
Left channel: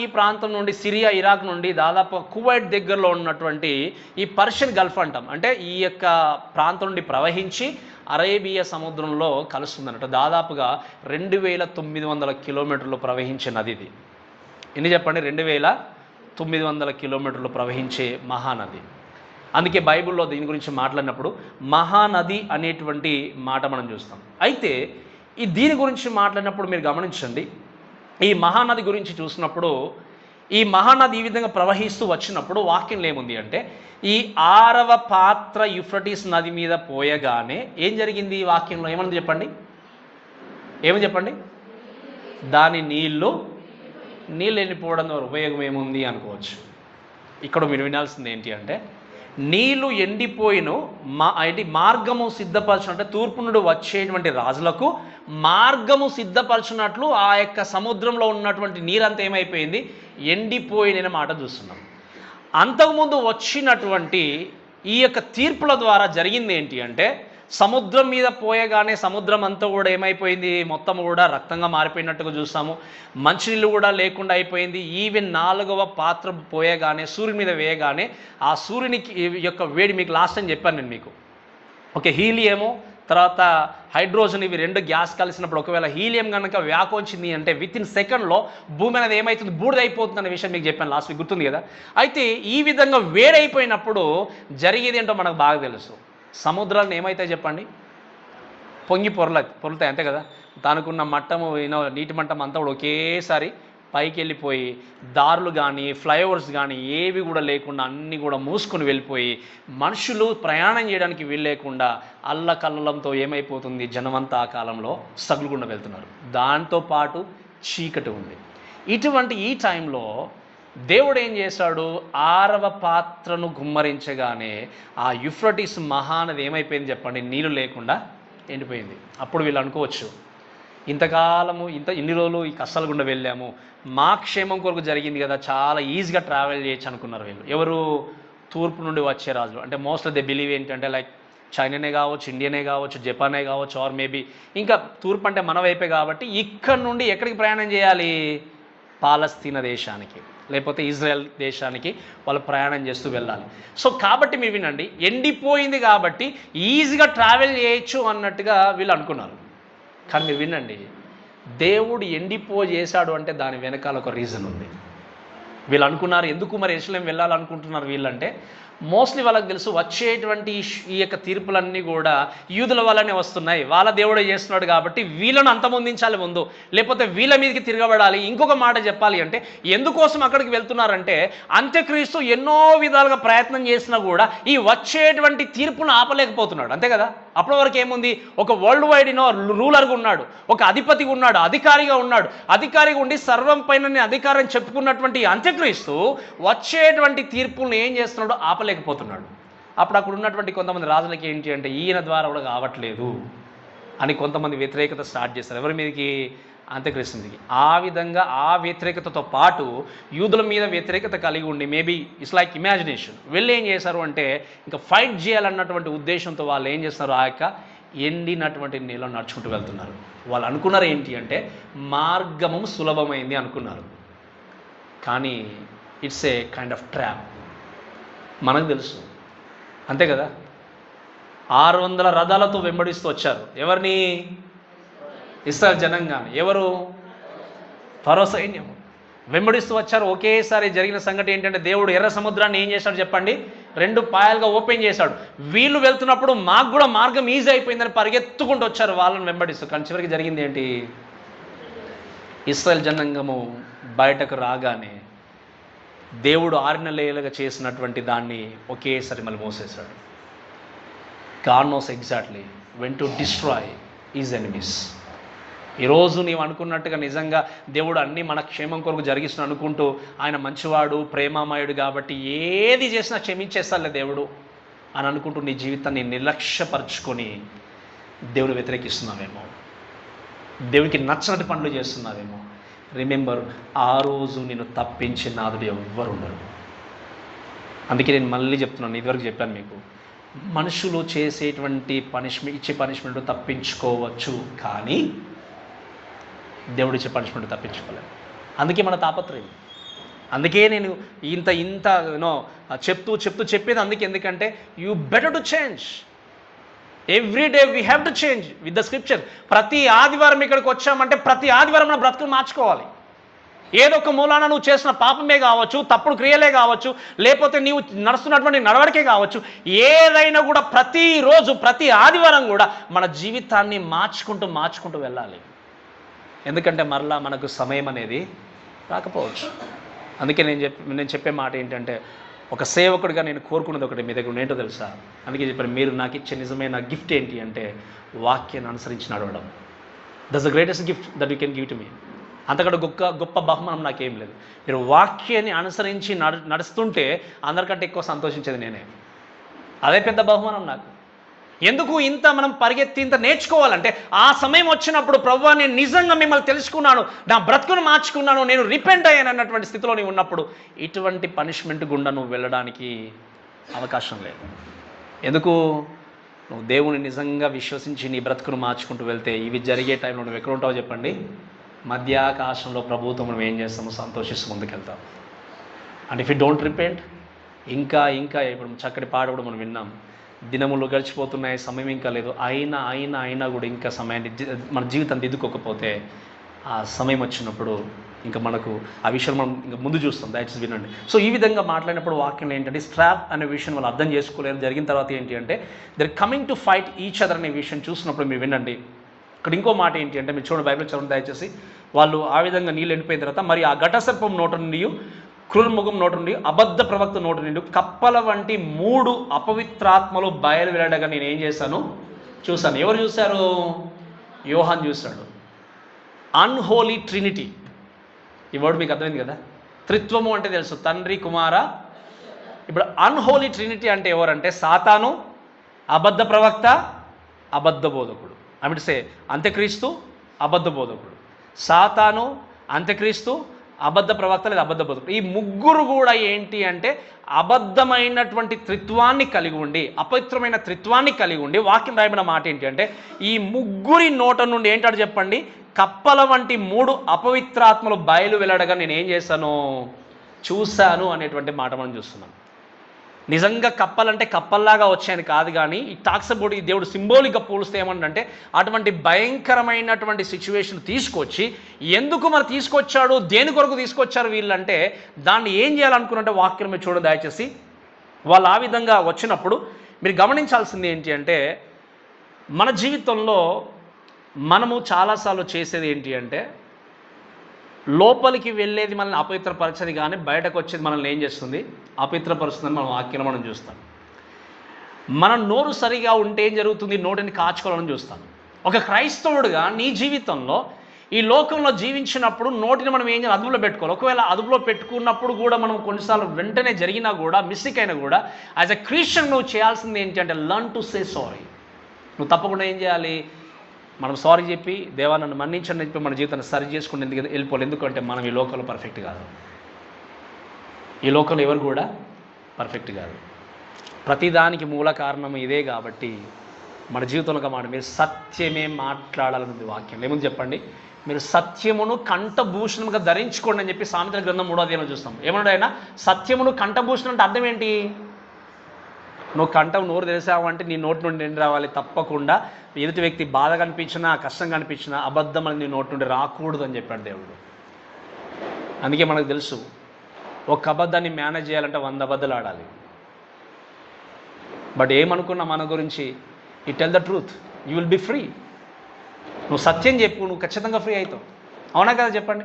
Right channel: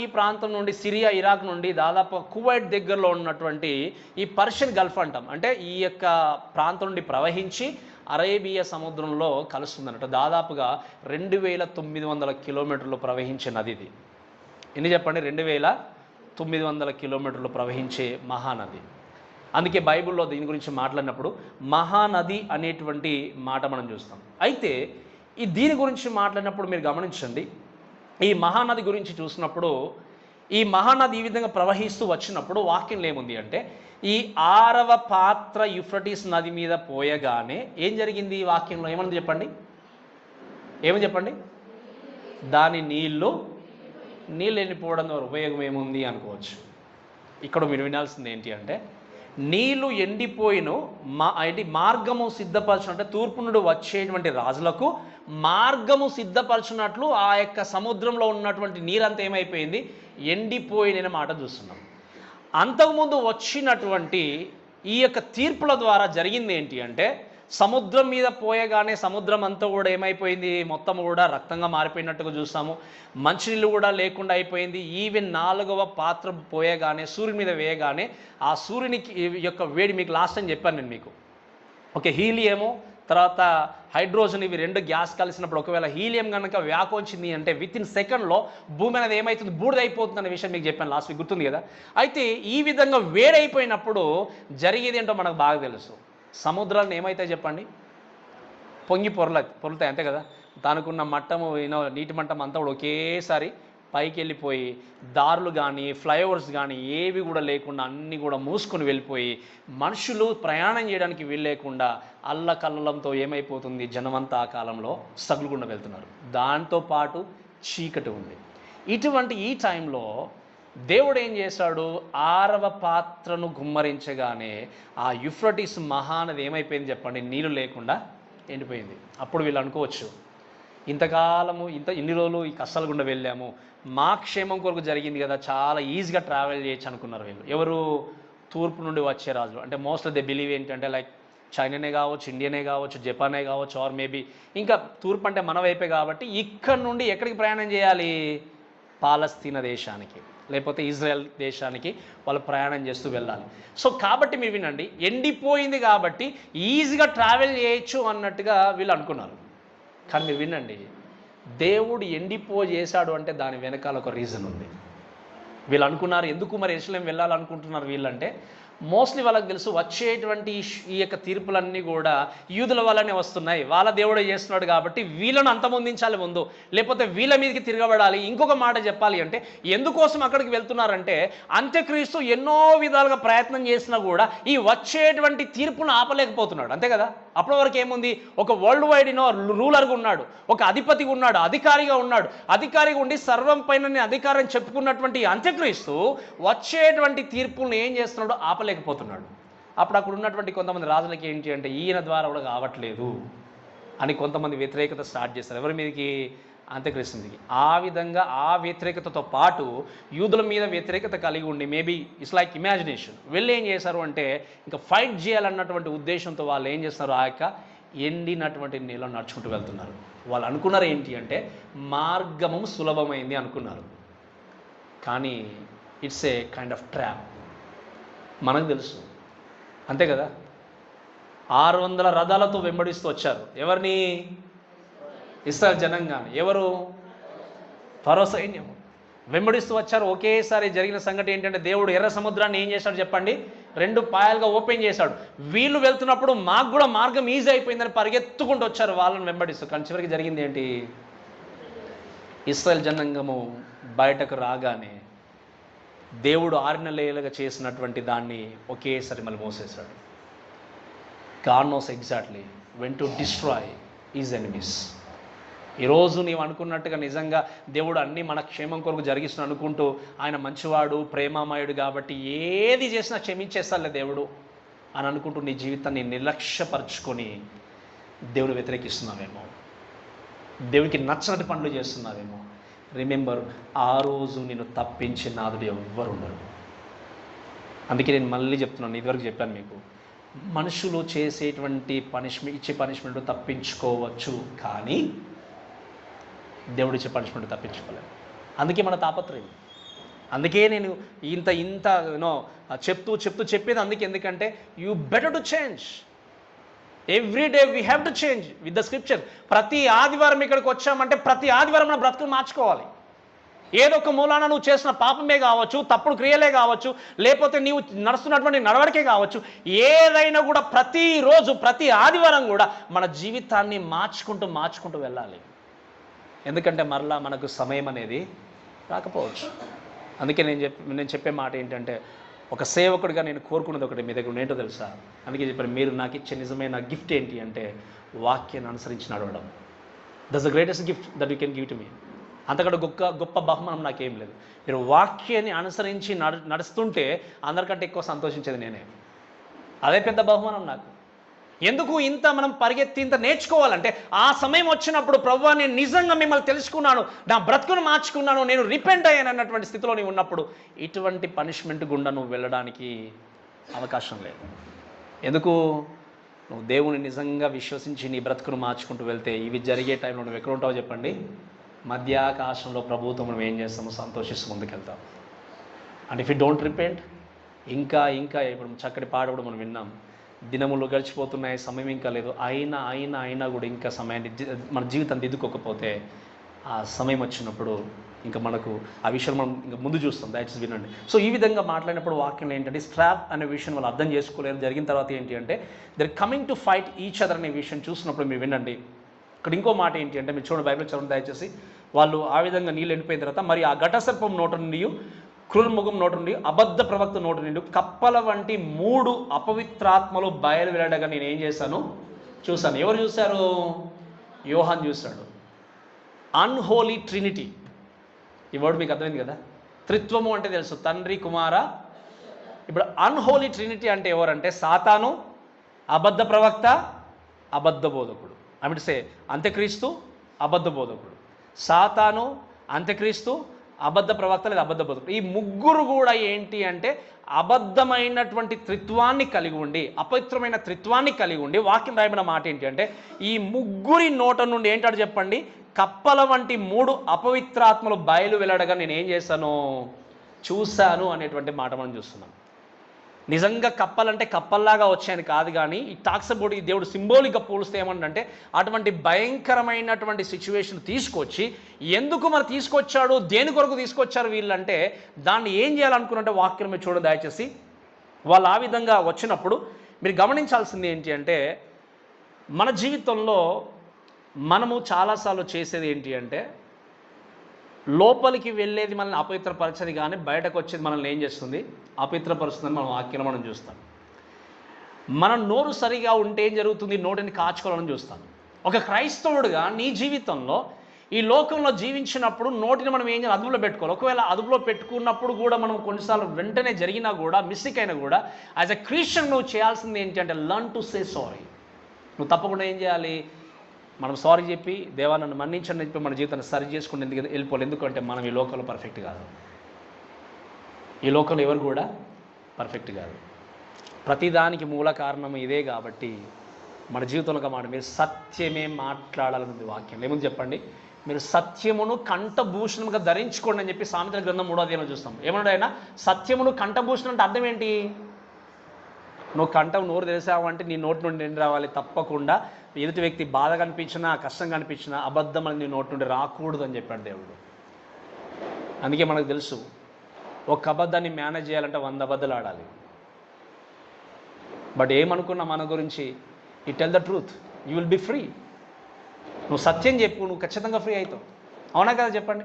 ఈ ప్రాంతం నుండి, సిరియా, ఇరాక్ నుండి దాదాపు కువైట్ దగ్గరలో ఉన్నటువంటి ఈ పర్షియన్ గల్ఫ్ అంటాం, అంటే ఈ యొక్క ప్రాంతం నుండి ప్రవహించి అరేబియా సముద్రంలో కలుస్తుందన్నట్టు. దాదాపుగా 2900 కిలోమీటర్లు ప్రవహించే నది ఇది. ఎన్ని చెప్పండి? 2900 కిలోమీటర్లు ప్రవహించే మహానది. అందుకే బైబిల్లో దీని గురించి మాట్లాడినప్పుడు మహానది అనేటువంటి మాట మనం చూస్తాం. అయితే దీని గురించి మాట్లాడినప్పుడు మీరు గమనించండి, ఈ మహానది గురించి చూసినప్పుడు ఈ మహానది ఈ విధంగా ప్రవహిస్తూ వచ్చినప్పుడు వాక్యంలో ఏముంది అంటే, ఈ 6వ పాత్ర యూఫ్రటీస్ నది మీద పోయగానే ఏం జరిగింది? ఈ వాక్యంలో ఏమని చెప్పండి? ఏమని చెప్పండి? దాని నీళ్ళు వెళ్ళిపోవడం ద్వారా ఉపయోగం ఏముంది అనుకోవచ్చు. ఇక్కడ మీరు వినాల్సింది ఏంటి అంటే, నీళ్లు ఎండిపోయిన మార్గము సిద్ధపరచు, అంటే తూర్పు నుండి వచ్చేటువంటి రాజులకు మార్గము సిద్ధపరచున్నట్లు ఆ యొక్క సముద్రంలో ఉన్నటువంటి నీరంతా ఏమైపోయింది? ఎండిపోయిన మాట చూస్తున్నాం. అంతకుముందు వచ్చినటువంటి ఈ యొక్క తీర్పుల ద్వారా జరిగింది ఏంటి అంటే, సముద్రం మీద పోయగానే సముద్రం అంతా కూడా ఏమైపోయింది? మొత్తం కూడా రక్తంగా మారిపోయినట్టుగా చూస్తాము. మంచినీళ్ళు కూడా లేకుండా అయిపోయింది. ఈవెన్ 4వ పాత్ర పోయగానే, సూర్యుని మీద వేయగానే ఆ సూర్యునికి యొక్క వేడి, మీకు లాస్ట్ టైం చెప్పాను నేను మీకు. ఓకే, హీలియము తర్వాత హైడ్రోజన్, ఇవి 2 గ్యాస్ కలిసినప్పుడు ఒకవేళ హీలియం కనుక వ్యాకోచింది అంటే వితిన్ సెకండ్లో భూమి అనేది ఏమవుతుంది? బూడిదైపోతుంది అనే విషయం మీకు చెప్పాను లాస్ట్ వీక్, గుర్తుంది కదా? అయితే ఈ విధంగా వేడైపోయినప్పుడు జరిగేది ఏంటో మనకు బాగా తెలుసు. సముద్రాలను ఏమైతే చెప్పండి? పొంగి పొరులుతాయి అంతే కదా? దానికున్న మట్టము, నీటి మట్టం అంతా కూడా ఒకేసారి పైకి వెళ్ళిపోయి దారులు కానీ ఫ్లైఓవర్స్ కానీ ఏవి కూడా లేకుండా అన్నీ కూడా మూసుకొని వెళ్ళిపోయి మనుషులు ప్రయాణం చేయడానికి వీల్లేకుండా అల్లకల్లంతో ఏమైపోతుంది? జనమంతా ఆ కాలంలో సగులుకుండా వెళ్తున్నారు. దాంతోపాటు చీకటి ఉంది. ఇటువంటి ఈ టైంలో దేవుడు ఏం చేశాడు? 6వ పాత్రను గుమ్మరించగానే ఆ యూఫ్రటీస్ మహానది ఏమైపోయింది చెప్పండి? నీళ్ళు లేకుండా ఎండిపోయింది. అప్పుడు వీళ్ళు అనుకోవచ్చు, ఇంతకాలము ఇన్ని రోజులు ఈ కష్టాల గుండా వెళ్ళాము, మా క్షేమం కొరకు జరిగింది కదా, చాలా ఈజీగా ట్రావెల్ చేయొచ్చు అనుకున్నారు వీళ్ళు. ఎవరు? తూర్పు నుండి వచ్చే రాజులు. అంటే మోస్ట్ ఆఫ్ ద బిలీవ్ ఏంటంటే లైక్ చైనానే కావచ్చు, ఇండియానే కావచ్చు, జపానే కావచ్చు, ఆర్ మేబీ ఇంకా తూర్పు అంటే మన వైపే కాబట్టి ఇక్కడ నుండి ఎక్కడికి ప్రయాణం చేయాలి? పాలస్తీనా దేశానికి, లేకపోతే ఇజ్రాయెల్ దేశానికి వాళ్ళు ప్రయాణం చేస్తూ వెళ్ళాలి. సో కాబట్టి మీరు వినండి, ఎండిపోయింది కాబట్టి ఈజీగా ట్రావెల్ చేయొచ్చు అన్నట్టుగా వీళ్ళు అనుకున్నారు. కానీ మీరు వినండి, దేవుడు ఎండిపోజేశాడు అంటే దాని వెనకాల ఒక రీజన్ ఉంది. వీళ్ళు అనుకున్నారు, ఎందుకు మరి యెరూషలేం వెళ్ళాలనుకుంటున్నారు వీళ్ళంటే, మోస్ట్లీ వాళ్ళకి తెలుసు వచ్చేటువంటి ఈ యొక్క తీర్పులన్నీ కూడా యూదుల వల్లనే వస్తున్నాయి, వాళ్ళ దేవుడే చేస్తున్నాడు కాబట్టి వీళ్ళను అంతమొందించాలి ముందు, లేకపోతే వీళ్ళ మీదకి తిరగబడాలి. ఇంకొక మాట చెప్పాలి అంటే, ఎందుకోసం అక్కడికి వెళ్తున్నారంటే, అంత్యక్రీస్తు ఎన్నో విధాలుగా ప్రయత్నం చేసినా కూడా ఈ వచ్చేటువంటి తీర్పును ఆపలేకపోతున్నాడు అంతే కదా? అప్పటి వరకు ఏముంది? ఒక వరల్డ్ వైడ్ రూలర్గా ఉన్నాడు, ఒక అధిపతిగా ఉన్నాడు, అధికారిగా ఉన్నాడు. అధికారిగా ఉండి సర్వం పైన అధికారం చెప్పుకున్నటువంటి అంత్యక్రీస్తు వచ్చేటువంటి తీర్పులను ఏం చేస్తున్నాడు? ఆపలేకపోతున్నాడు. అప్పుడు అక్కడ ఉన్నటువంటి కొంతమంది రాజులకి ఏంటి అంటే, ఈయన ద్వారా కూడా కావట్లేదు అని కొంతమంది వ్యతిరేకత స్టార్ట్ చేస్తారు. ఎవరి మీదకి? అంత్యక్రీస్తు మీదకి. ఆ విధంగా ఆ వ్యతిరేకతతో పాటు యూదుల మీద వ్యతిరేకత కలిగి ఉండి మేబీ ఇట్స్ లైక్ ఇమాజినేషన్ వీళ్ళు ఏం చేశారు అంటే ఇంకా ఫైట్ చేయాలన్నటువంటి ఉద్దేశంతో వాళ్ళు ఏం చేస్తారు, ఆ యొక్క ఎండినటువంటి నీళ్ళని నడుచుకుంటూ వెళ్తున్నారు. వాళ్ళు అనుకున్నారు ఏంటి అంటే మార్గము సులభమైంది అనుకున్నారు. కానీ it's a kind of trap. మనకు తెలుసు అంతే కదా. 600 రథాలతో వెంబడిస్తూ వచ్చారు. ఎవరిని? ఇశ్రాయేలు జనాంగాన్ని. ఎవరు? ఫరో సైన్యం వెంబడిస్తూ వచ్చారు. ఒకేసారి జరిగిన సంగతి ఏంటంటే దేవుడు ఎర్ర సముద్రాన్ని ఏం చేశాడు చెప్పండి, 2 పాయలుగా ఓపెన్ చేశాడు. వీళ్ళు వెళ్తున్నప్పుడు మాకు కూడా మార్గం ఈజీ అయిపోయిందని పరిగెత్తుకుంటూ వచ్చారు వాళ్ళని వెంబడిస్తూ. కానీ చివరికి జరిగింది ఏంటి? ఇశ్రాయేలు జనాంగము బయటకు రాగానే దేవుడు 6 నెలలుగా చేసినటువంటి దాన్ని ఒకేసారి మళ్ళీ మోసేశాడు. God knows exactly when to destroy his enemies. ఈరోజు నీవు అనుకున్నట్టుగా నిజంగా దేవుడు అన్నీ మన క్షేమం కొరకు జరిగిస్తున్నా అనుకుంటూ ఆయన మంచివాడు ప్రేమామయుడు కాబట్టి ఏది చేసినా క్షమించేస్తాలే దేవుడు అని అనుకుంటూ నీ జీవితాన్ని నిర్లక్ష్యపరుచుకొని దేవుడు వ్యతిరేకిస్తున్నావేమో, దేవునికి నచ్చినట్టు పనులు చేస్తున్నావేమో. రిమెంబర్, ఆ రోజు నేను తప్పించి నాదుడు ఎవ్వరు ఉండరు. అందుకే నేను మళ్ళీ చెప్తున్నాను, ఇదివరకు చెప్పాను మీకు, మనుషులు చేసేటువంటి ఇచ్చే పనిష్మెంట్ తప్పించుకోవచ్చు, కానీ దేవుడు ఇచ్చే పనిష్మెంట్ తప్పించుకోలేదు. అందుకే మన తాపత్రయం. అందుకే నేను ఇంత యూనో చెప్పేది అందుకే. ఎందుకంటే you better to change every day. We have to change with the scripture. ప్రతి ఆదివారం ఇక్కడికి వచ్చామంటే ప్రతి ఆదివారం మన బ్రతుకులు మార్చుకోవాలి. ఏదో ఒక మూలాన నువ్వు చేసిన పాపమే కావచ్చు, తప్పుడు క్రియలే కావచ్చు, లేకపోతే నీవు నడుస్తున్నటువంటి నడవడికే కావచ్చు, ఏదైనా కూడా ప్రతిరోజు ప్రతి ఆదివారం కూడా మన జీవితాన్ని మార్చుకుంటూ వెళ్ళాలి. ఎందుకంటే మరలా మనకు సమయం అనేది రాకపోవచ్చు. అందుకే నేను చెప్పే మాట ఏంటంటే, ఒక సేవకుడిగా నేను కోరుకున్నది ఒకటి మీ దగ్గర ఏంటో తెలుసా? అందుకే చెప్పాను, మీరు నాకు ఇచ్చే నిజమైన గిఫ్ట్ ఏంటి అంటే వాక్యాన్ని అనుసరించి నడవడం. That's the greatest gift that you can give to me. అంతకంటే గొప్ప బహుమానం నాకేం లేదు. మీరు వాక్యాన్ని అనుసరించి నడుస్తుంటే అందరికంటే ఎక్కువ సంతోషించేది నేనే. అదే పెద్ద బహుమానం నాకు. ఎందుకు ఇంత మనం పరిగెత్తి ఇంత నేర్చుకోవాలంటే, ఆ సమయం వచ్చినప్పుడు ప్రభువా నేను నిజంగా మిమ్మల్ని తెలుసుకున్నాను, నా బ్రతుకును మార్చుకున్నాను, నేను రిపెంట్ అయ్యాను అన్నటువంటి స్థితిలో నీవు ఉన్నప్పుడు ఇటువంటి పనిష్మెంట్ గుండా నువ్వు వెళ్ళడానికి అవకాశం లేదు. ఎందుకు? నువ్వు దేవుని నిజంగా విశ్వసించి నీ బ్రతుకును మార్చుకుంటూ వెళ్తే ఇవి జరిగే టైంలో నువ్వు ఎక్కడ ఉంటావో చెప్పండి? మధ్యాకాశంలో ప్రభుత్వం మనం ఏం చేస్తామో సంతోషిస్తూ ముందుకెళ్తాం. And if you don't repent, ఇంకా ఇప్పుడు చక్కటి పాట కూడా మనం విన్నాం, దినములు గడిచిపోతున్నాయి, సమయం ఇంకా లేదు, అయినా కూడా ఇంకా సమయాన్ని మన జీవితం దిద్దుకోకపోతే ఆ సమయం వచ్చినప్పుడు ఇంకా మనకు ఆ విషయం మనం ఇంకా ముందు చూస్తాం. దయచేసి వినండి. సో ఈ విధంగా మాట్లాడినప్పుడు వాక్యం ఏంటంటే, స్ట్రాప్ అనే విషయం వాళ్ళు అర్థం చేసుకోలేరు. జరిగిన తర్వాత ఏంటి అంటే they're coming to fight each other అనే విషయం చూసినప్పుడు మీరు వినండి. ఇక్కడ ఇంకో మాట ఏంటి అంటే, మీరు చూడండి, బైబిల్ చదవండి దయచేసి. వాళ్ళు ఆ విధంగా నీళ్ళు ఎండిపోయిన తర్వాత, మరి ఆ ఘటసర్పం నోట నుండి, క్రూరముఖం నోట నుండి, అబద్ధ ప్రవక్త నోట నుండి కప్పల వంటి 3 అపవిత్రాత్మలు బయలు వెళ్ళడగా నేను ఏం చేశాను? చూశాను. ఎవరు చూశారు? యోహాన్ చూశాడు. Unholy Trinity. ఈ వర్డ్ మీకు అర్థమైంది కదా. త్రిత్వము అంటే తెలుసు, తండ్రి కుమార. ఇప్పుడు అన్హోలీ ట్రినిటీ అంటే ఎవరంటే సాతాను, అబద్ధ ప్రవక్త, అబద్ధ బోధకుడు. సే అంత్యక్రీస్తు, అబద్ధ బోధకుడు. సాతాను, అంత్యక్రీస్తు, అబద్ధ ప్రవక్త లేదా అబద్ధ బోధకుడు. ఈ ముగ్గురు కూడా ఏంటి అంటే అబద్ధమైనటువంటి త్రిత్వాన్ని కలిగి ఉండి, అపవిత్రమైన త్రిత్వాన్ని కలిగి ఉండి, వాక్యం రాయబడిన మాట ఏంటి అంటే, ఈ ముగ్గురి నోట నుండి ఏంటాడు చెప్పండి? కప్పల వంటి 3 అపవిత్రాత్మలు బయలు వెళ్ళడగా నేను ఏం చేశాను? చూశాను అనేటువంటి మాట మనం చూస్తున్నాం. నిజంగా కప్పలంటే కప్పల్లాగా వచ్చాయని కాదు, కానీ ఈ టాక్స్ అబౌట్ ఈ దేవుడు సింబాలిక్గా పోలిస్తే ఏమంటే అటువంటి భయంకరమైనటువంటి సిచ్యువేషన్ తీసుకొచ్చి, ఎందుకు మరి తీసుకొచ్చాడు, దేని కొరకు తీసుకొచ్చారు వీళ్ళంటే, దాన్ని ఏం చేయాలనుకున్నట్టే వాక్యం మీరు చూడండి దయచేసి. వాళ్ళు ఆ విధంగా వచ్చినప్పుడు మీరు గమనించాల్సింది ఏంటి అంటే, మన జీవితంలో మనము చాలాసార్లు చేసేది ఏంటి అంటే, లోపలికి వెళ్ళేది మనల్ని అపవిత్రపరచది, కానీ బయటకు వచ్చేది మనల్ని ఏం చేస్తుంది? అపవిత్రపరుస్తుందని మనం వాక్యం మనం చూస్తాం. మన నోరు సరిగా ఉంటే ఏం జరుగుతుంది? నోటిని కాచుకోవాలని చూస్తాం. ఒక క్రైస్తవుడుగా నీ జీవితంలో ఈ లోకంలో జీవించినప్పుడు నోటిని మనం ఏం చేయాలి? అదుపులో పెట్టుకోవాలి. ఒకవేళ అదుపులో పెట్టుకున్నప్పుడు కూడా మనం కొన్నిసార్లు వెంటనే జరిగినా కూడా, మిస్టేక్ అయినా కూడా, యాజ్ ఎ క్రిస్టియన్ నువ్వు చేయాల్సింది ఏంటి అంటే లర్న్ టు సే సారీ. నువ్వు తప్పకుండా ఏం చేయాలి? మనం సారీ చెప్పి దేవా నన్ను మన్నించండి చెప్పి మన జీవితాన్ని సరి చేసుకుని వెళ్ళిపోవాలి. ఎందుకంటే మనం ఈ లోకంలో పర్ఫెక్ట్ కాదు. ఈ లోకంలో ఎవరు కూడా పర్ఫెక్ట్ కాదు. ప్రతిదానికి మూల కారణం ఇదే. కాబట్టి మన జీవితంలో మాట మీరు సత్యమే మాట్లాడాలన్నది వాక్యం. ఏముంది చెప్పండి? మీరు సత్యమును కంఠభూషణంగా ధరించుకోండి అని చెప్పి సామెతల గ్రంథం 3వ అధ్యాయంలో చూస్తాం. ఏమన్నాడు ఆయన? సత్యమును కంఠభూషణం అంటే అర్థం ఏంటి? నువ్వు కంఠం నోరు తెరిసావు అంటే నీ నోటి నుండి నిండి రావాలి. తప్పకుండా ఎదుటి వ్యక్తి బాధ కనిపించినా కష్టం కనిపించినా అబద్ధం అని నీ నోటి నుండి రాకూడదు అని చెప్పాడు దేవుడు. అందుకే మనకు తెలుసు, ఒక అబద్ధాన్ని మేనేజ్ చేయాలంటే 100 అబద్ధాలు ఆడాలి. బట్ ఏమనుకున్నా మన గురించి, you tell the truth, you will be free. నువ్వు సత్యం చెప్పు, నువ్వు ఖచ్చితంగా ఫ్రీ అవుతావు. అవునా కదా చెప్పండి?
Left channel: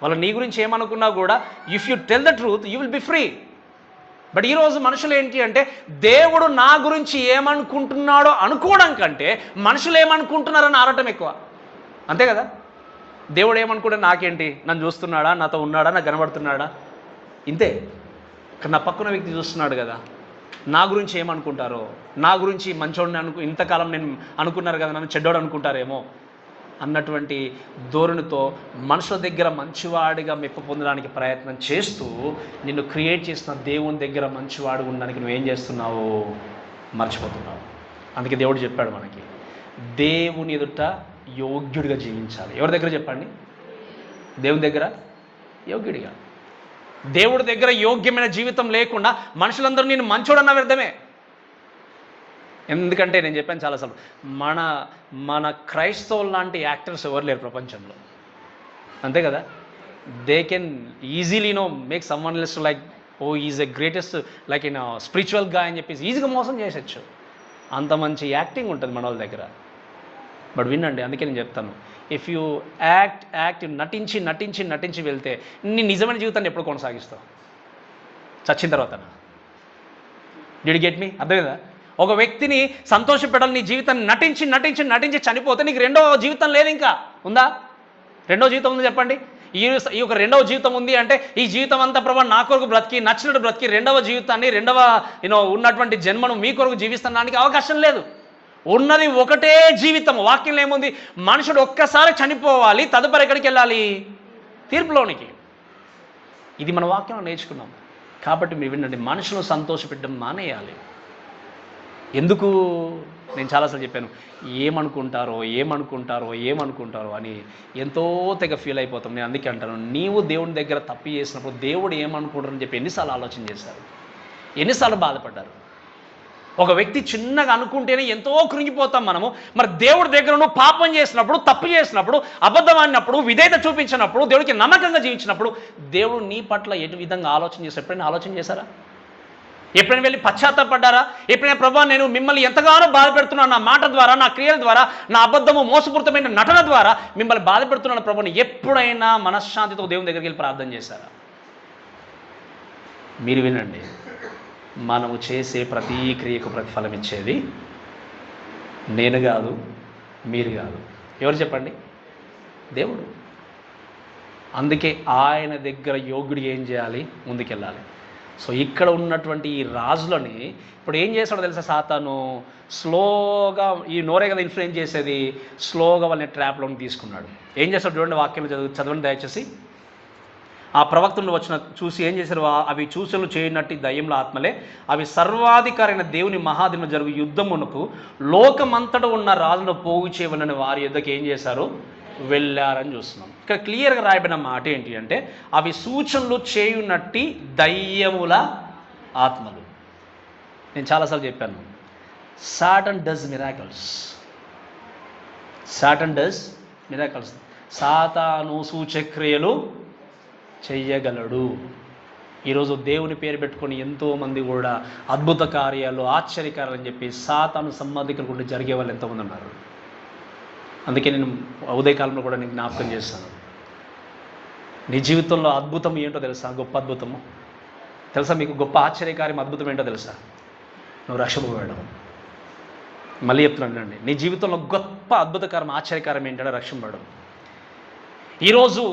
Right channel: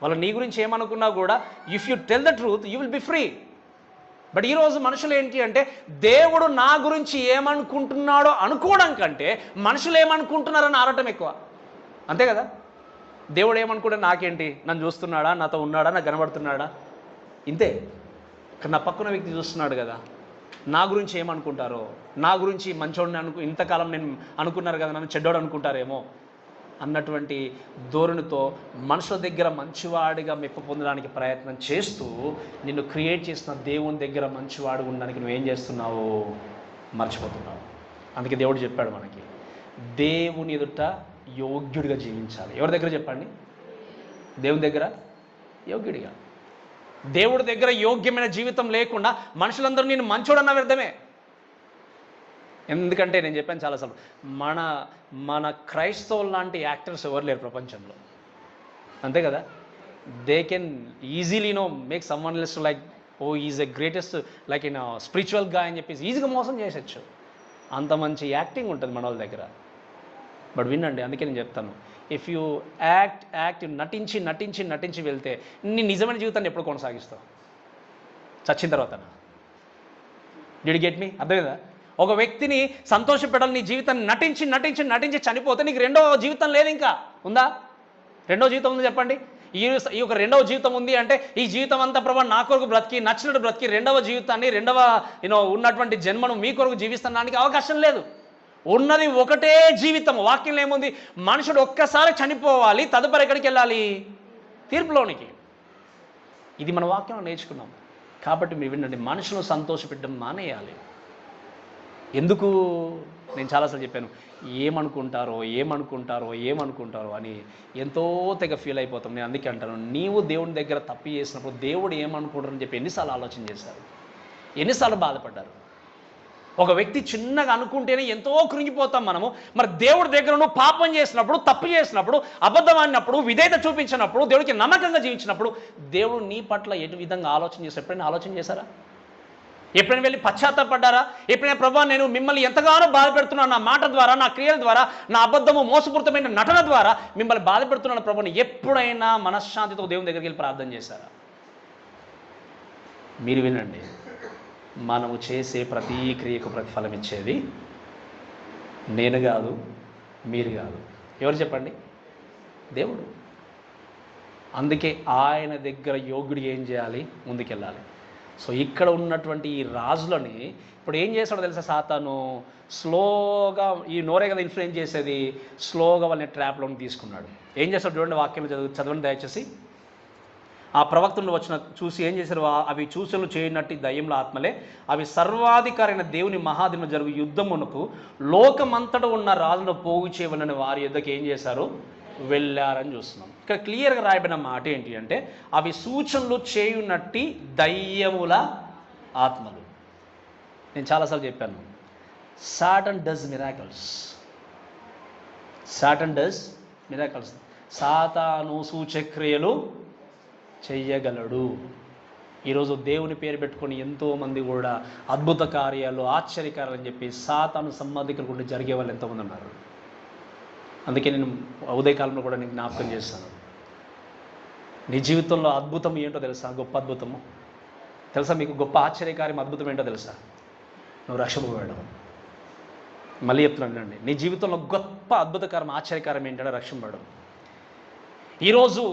వాళ్ళు నీ గురించి ఏమనుకున్నా కూడా if you tell the truth you will be free. But ఈరోజు మనుషులు ఏంటి అంటే, దేవుడు నా గురించి ఏమనుకుంటున్నాడో అనుకోవడం కంటే మనుషులు ఏమనుకుంటున్నారని ఆడటం ఎక్కువ. అంతే కదా? దేవుడు ఏమనుకుంటే నాకేంటి, నన్ను చూస్తున్నాడా, నాతో ఉన్నాడా, నాకు కనబడుతున్నాడా, ఇంతే. కానీ నా పక్కన వ్యక్తి చూస్తున్నాడు కదా, నా గురించి ఏమనుకుంటారో, నా గురించి మంచోడిని ఇంతకాలం నేను అనుకున్నారు కదా, నన్ను చెడ్డోడు అనుకుంటారేమో అన్నటువంటి ధోరణితో మనుషుల దగ్గర మంచివాడిగా మెప్పు పొందడానికి ప్రయత్నం చేస్తూ నిన్ను క్రియేట్ చేసిన దేవుని దగ్గర మంచివాడు ఉండడానికి నువ్వేం చేస్తున్నావు? మర్చిపోతున్నావు. అందుకే దేవుడు చెప్పాడు మనకి, దేవుని ఎదుట యోగ్యుడిగా జీవించాలి. ఎవరి దగ్గర చెప్పండి? దేవుని దగ్గర యోగ్యుడిగా. దేవుడి దగ్గర యోగ్యమైన జీవితం లేకుండా మనుషులందరూ నేను మంచోడన్న వ్యర్థమే. ఎందుకంటే నేను చెప్పాను చాలాసార్లు, మన క్రైస్తవులు లాంటి యాక్టర్స్ ఎవరు లేరు ప్రపంచంలో. అంతే కదా? They can easily make someone else like oh is a greatest like in spiritual గా అని చెప్పేసి ఈజీగా మోసం చేసొచ్చు. అంత మంచి యాక్టింగ్ ఉంటుంది మన వాళ్ళ దగ్గర. బట్ వినండి, అందుకే నేను చెప్తాను, ఇఫ్ యూ యాక్ట్ నటించి వెళ్తే నీ నిజమైన జీవితాన్ని ఎప్పుడు కొనసాగిస్తావు? చచ్చిన తర్వాత. Did get me? అర్థం కదా? ఒక వ్యక్తిని సంతోషపెట్టాలి, నీ జీవితాన్ని నటించి చనిపోతే నీకు రెండవ జీవితం లేదు. ఇంకా ఉందా? రెండవ జీవితం ఉంది చెప్పండి. ఈ ఒక రెండవ జీవితం ఉంది అంటే ఈ జీవితం అంతా ప్రభా నా కొరకు బ్రతికి నచ్చినట్టు బ్రతికి రెండవ జీవితాన్ని ఉన్నటువంటి జన్మను మీ కొరకు జీవిస్తానికి అవకాశం లేదు. ఉన్నది ఒకటే జీవితం. వాక్యంలో ఏముంది? మనుషుడు ఒక్కసారి చనిపోవాలి, తదుపరి ఎక్కడికి వెళ్ళాలి? తీర్పులోనికి. ఇది మన వాక్యంలో నేర్చుకున్నాం. కాబట్టి మీరు వినండి, మనుషులను సంతోషపెట్టడం మానేయాలి. ఎందుకు? నేను చాలాసార్లు చెప్పాను, ఏమనుకుంటారో అని ఎంతో తెగ ఫీల్ అయిపోతాం. నేను అందుకే అంటాను, నీవు దేవుని దగ్గర తప్పు చేసినప్పుడు దేవుడు ఏమనుకుంటారని చెప్పి ఎన్నిసార్లు ఆలోచన చేశారు, ఎన్నిసార్లు బాధపడ్డారు. ఒక వ్యక్తి చిన్నగా అనుకుంటేనే ఎంతో కృంగిపోతాం మనము. మరి దేవుడి దగ్గర నువ్వు పాపం చేసినప్పుడు, తప్పు చేసినప్పుడు, అబద్ధం ఆడినప్పుడు, విధేయత చూపించినప్పుడు, దేవుడికి నమ్మకంగా జీవించినప్పుడు దేవుడు నీ పట్ల ఎటు విధంగా ఆలోచన చేశారు? ఎప్పుడైనా ఆలోచన చేశారా? ఎప్పుడైనా వెళ్ళి పశ్చాత్తాపడ్డారా? ఎప్పుడైనా ప్రభా నేను మిమ్మల్ని ఎంతగానో బాధ పెడుతున్నాను, నా మాట ద్వారా, నా క్రియల ద్వారా, నా అబద్ధము మోసపూరితమైన నటన ద్వారా మిమ్మల్ని బాధ పెడుతున్నాను ప్రభుని ఎప్పుడైనా మనశ్శాంతితో దేవుని దగ్గరికి వెళ్ళి ప్రార్థన చేశారా? మీరు వినండి, మనము చేసే ప్రతి క్రియకు ప్రతిఫలం ఇచ్చేది నేను కాదు, మీరు కాదు. ఎవరు చెప్పండి? దేవుడు. అందుకే ఆయన దగ్గర యోగ్యుడు ఏం చేయాలి? ముందుకెళ్ళాలి. సో ఇక్కడ ఉన్నటువంటి ఈ రాజులని ఇప్పుడు ఏం చేస్తాడో తెలుసా? సాతాను స్లోగా, ఈ నోరే కదా ఇన్ఫ్లుయెన్స్ చేసేది, స్లోగా వాళ్ళని ట్రాప్లోకి తీసుకున్నాడు. ఏం చేస్తాడు చూడండి, వాక్యంలో చదవండి దయచేసి. ఆ ప్రవక్తలు చూసి ఏం చేశారు? అవి సూచనలు చేయనట్టు దయ్యంలో ఆత్మలే, అవి సర్వాధికారైన దేవుని మహాదిన జరుగు యుద్ధమునకు లోకమంతటా ఉన్న రాజును పోగు చేయవలని వారి యుద్ధకి ఏం చేశారు? వెళ్ళారని చూస్తున్నాం. ఇక్కడ క్లియర్గా రాయబడిన మాట ఏంటి అంటే, అవి సూచనలు చేయునట్టి దయ్యముల ఆత్మలు. నేను చాలాసార్లు చెప్పాను, సాటన్ డస్ మిరాకల్స్. సాతాను సూచక్రియలు చెయ్యగలడు. ఈరోజు దేవుని పేరు పెట్టుకొని ఎంతోమంది కూడా అద్భుత కార్యాలు, ఆశ్చర్యకార్యాలు అని చెప్పి సాతాను సంబంధికులు కూడా జరిగే వాళ్ళు ఎంతోమంది ఉన్నారు. అందుకే నేను ఉదయకాలంలో కూడా నేను జ్ఞాపకం చేస్తాను, నీ జీవితంలో అద్భుతం ఏంటో తెలుసా? గొప్ప అద్భుతము తెలుసా మీకు? గొప్ప ఆశ్చర్యకార్యం, అద్భుతం ఏంటో తెలుసా? నువ్వు రక్షింపబడడం. మళ్ళీ చెప్తున్నానండి, నీ జీవితంలో గొప్ప అద్భుతకారం, ఆశ్చర్యకారం ఏంటంటే రక్షింపబడడం. ఈరోజు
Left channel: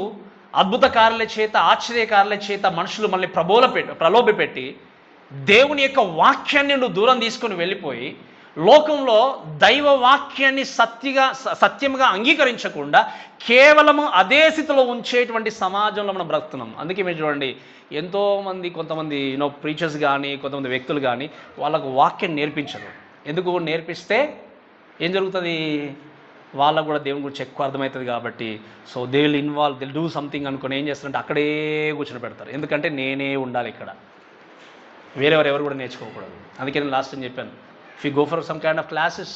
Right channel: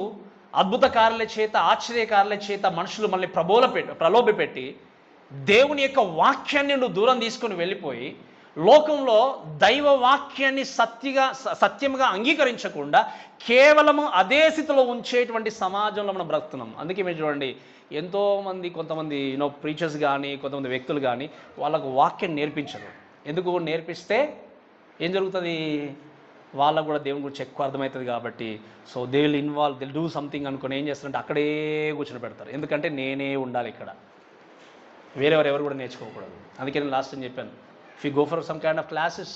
అద్భుత కార్యాల చేత, ఆశ్చర్యకార్యాల చేత మనుషులు మనల్ని ప్రలోభపెట్టి దేవుని యొక్క వాక్యాన్ని నువ్వు దూరం తీసుకొని వెళ్ళిపోయి లోకంలో దైవ వాక్యాన్ని సత్యముగా అంగీకరించకుండా కేవలము అదే స్థితిలో ఉంచేటువంటి సమాజంలో మనం బ్రతుకుతున్నాం. అందుకే మీరు చూడండి, ఎంతోమంది కొంతమంది ప్రీచర్స్ కానీ కొంతమంది వ్యక్తులు కానీ వాళ్ళకు వాక్యం నేర్పించరు. ఎందుకు? నేర్పిస్తే ఏం జరుగుతుంది? వాళ్ళకు కూడా దేవుని గురించి ఎక్కువ అర్థమవుతుంది కాబట్టి so they will involve, they'll do something అనుకుని ఏం చేస్తారంటే అక్కడే కూర్చొని పెడతారు. ఎందుకంటే నేనే ఉండాలి ఇక్కడ, ఎవరు కూడా నేర్చుకోకూడదు. అందుకే నేను లాస్ట్ టైం చెప్పాను, if you go for some kind of classes,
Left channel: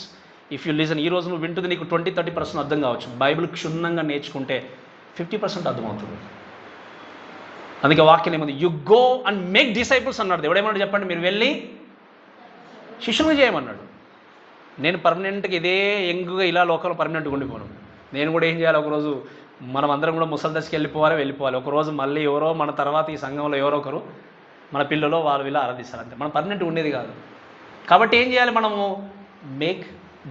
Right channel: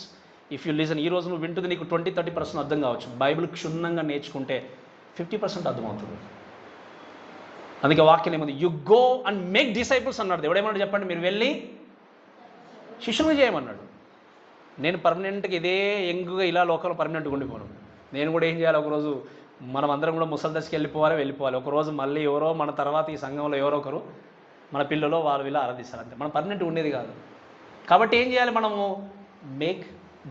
if you listen, ఈ రోజు నువ్వు వింటుంది నీకు 20-30% అర్థం కావచ్చు. బైబిల్ క్షుణ్ణంగా నేర్చుకుంటే 50% అర్థమవుతుంది. అందుకే వాక్యం ఏముంది? You go and make disciples అన్నాడు. ఎవడేమన్నాడు చెప్పండి? మీరు వెళ్ళి శిష్యులు చేయమన్నాడు. నేను పర్మనెంట్గా ఇదే యంగ్గా ఇలా లోకంలో పర్మనెంట్గా ఉండిపోను. నేను కూడా ఏం చేయాలి? ఒకరోజు మనం అందరం కూడా ముసలి దశకి వెళ్ళిపోవాలి. ఒకరోజు మళ్ళీ ఎవరో మన తర్వాత ఈ సంఘంలో ఎవరో ఒకరు మన పిల్లలు వాళ్ళు ఇలా ఆరాధిస్తారు. అంతే, మనం పర్మనెంట్ ఉండేది కాదు. కాబట్టి ఏం చేయాలి? మనము మేక్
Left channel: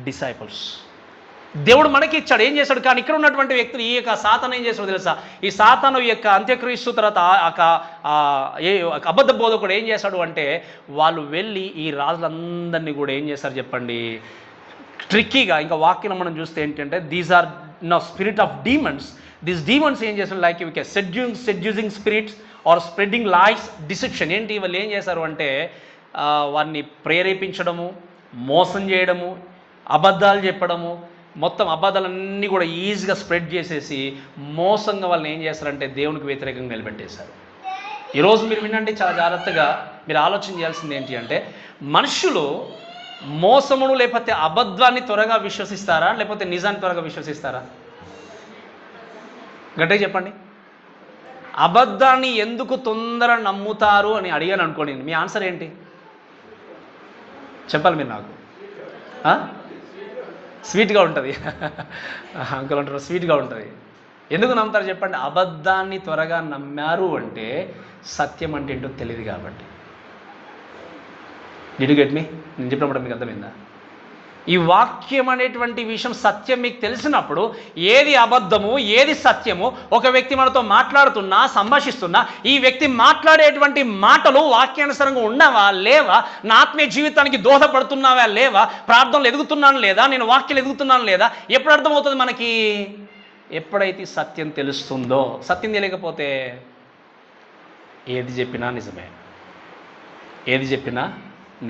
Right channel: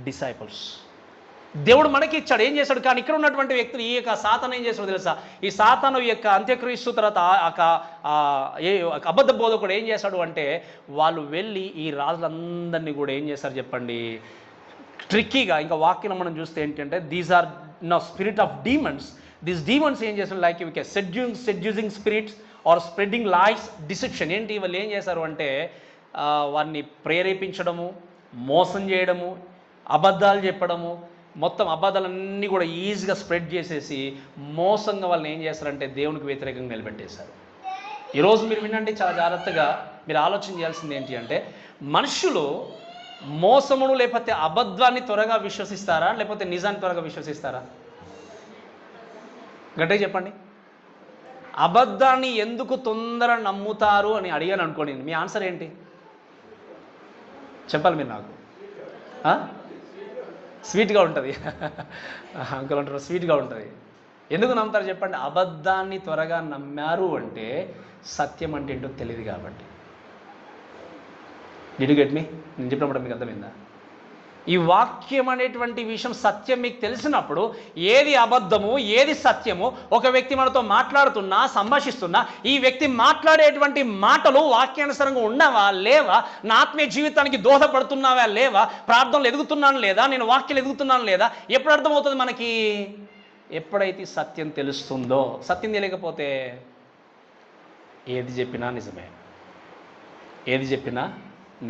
డిసైపుల్స్. దేవుడు మనకి ఇచ్చాడు, ఏం చేశాడు? కానీ ఇక్కడ ఉన్నటువంటి వ్యక్తులు, ఈ యొక్క సాతాను ఏం చేస్తాడో తెలుసా? ఈ సాతాను యొక్క అంత్యక్రీస్తు తర్వాత అబద్ధ బోధకుడు ఏం చేశాడు అంటే, వాళ్ళు వెళ్ళి ఈ రాజులందరినీ కూడా ఏం చేశారు చెప్పండి? ట్రిక్కీగా, ఇంకా వాక్యం మనం చూస్తే ఏంటంటే, these are spirit of demons. These demons ఏం చేస్తారు? లైక్ ఇవి seducing spirits are spreading lies, deception. ఏంటి? వాళ్ళు ఏం చేశారు అంటే వారిని ప్రేరేపించడము, మోసం చేయడము, అబద్ధాలు చెప్పడము, మొత్తం అబద్ధాలన్నీ కూడా ఈజీగా స్ప్రెడ్ చేసేసి మోసంగా వాళ్ళని ఏం చేస్తారంటే దేవునికి వ్యతిరేకంగా నిలబెట్టేశారు. ఈరోజు మీరు వినండి, చాలా జాగ్రత్తగా మీరు ఆలోచన చేయాల్సింది ఏంటి అంటే, మనుషులు మోసమును లేకపోతే అబద్ధాన్ని త్వరగా విశ్వసిస్తారా, లేకపోతే నిజాన్ని త్వరగా విశ్వసిస్తారా? గట్టిగా చెప్పండి. అబద్ధాన్ని ఎందుకు తొందర నమ్ముతారు అని అడిగాను అనుకోండి, మీ ఆన్సర్ ఏంటి చెప్పాలి మీరు నాకు? స్వీట్గా ఉంటుంది. అంకుల్ అంటారు స్వీట్గా ఉంటుంది. ఎందుకు నమ్ముతారు చెప్పండి? అబద్ధాన్ని త్వరగా నమ్మారు అంటే సత్యం అంటే ఏంటో తెలియదు కాబట్టి. Did you get me? నేను చెప్పినప్పుడు మీకు అర్థమైందా? ఈ వాక్యం అనేటువంటి విషయం, సత్యం మీకు తెలిసినప్పుడు ఏది అబద్ధము ఏది సత్యము, ఒక వ్యక్తి మనతో మాట్లాడుతున్నా సంభాషిస్తున్నా ఈ వ్యక్తి మాట్లాడేటువంటి మాటలు వాక్యానుసారంగా ఉన్నావా లేవా, నా ఆత్మీయ జీవితానికి దోహదపడుతున్నావా లేవా, ప్రార్థనలు ఎదుగుతున్నాను లేదా, నేను వాక్యాలు ఎదుగుతున్నాను లేదా, ఎప్పుడు అర్థమవుతుంది మనకి? ఎప్పుడైతే సత్యం తెలుస్తుందో. సత్యం తెలియకపోతే ఏది చెప్పినా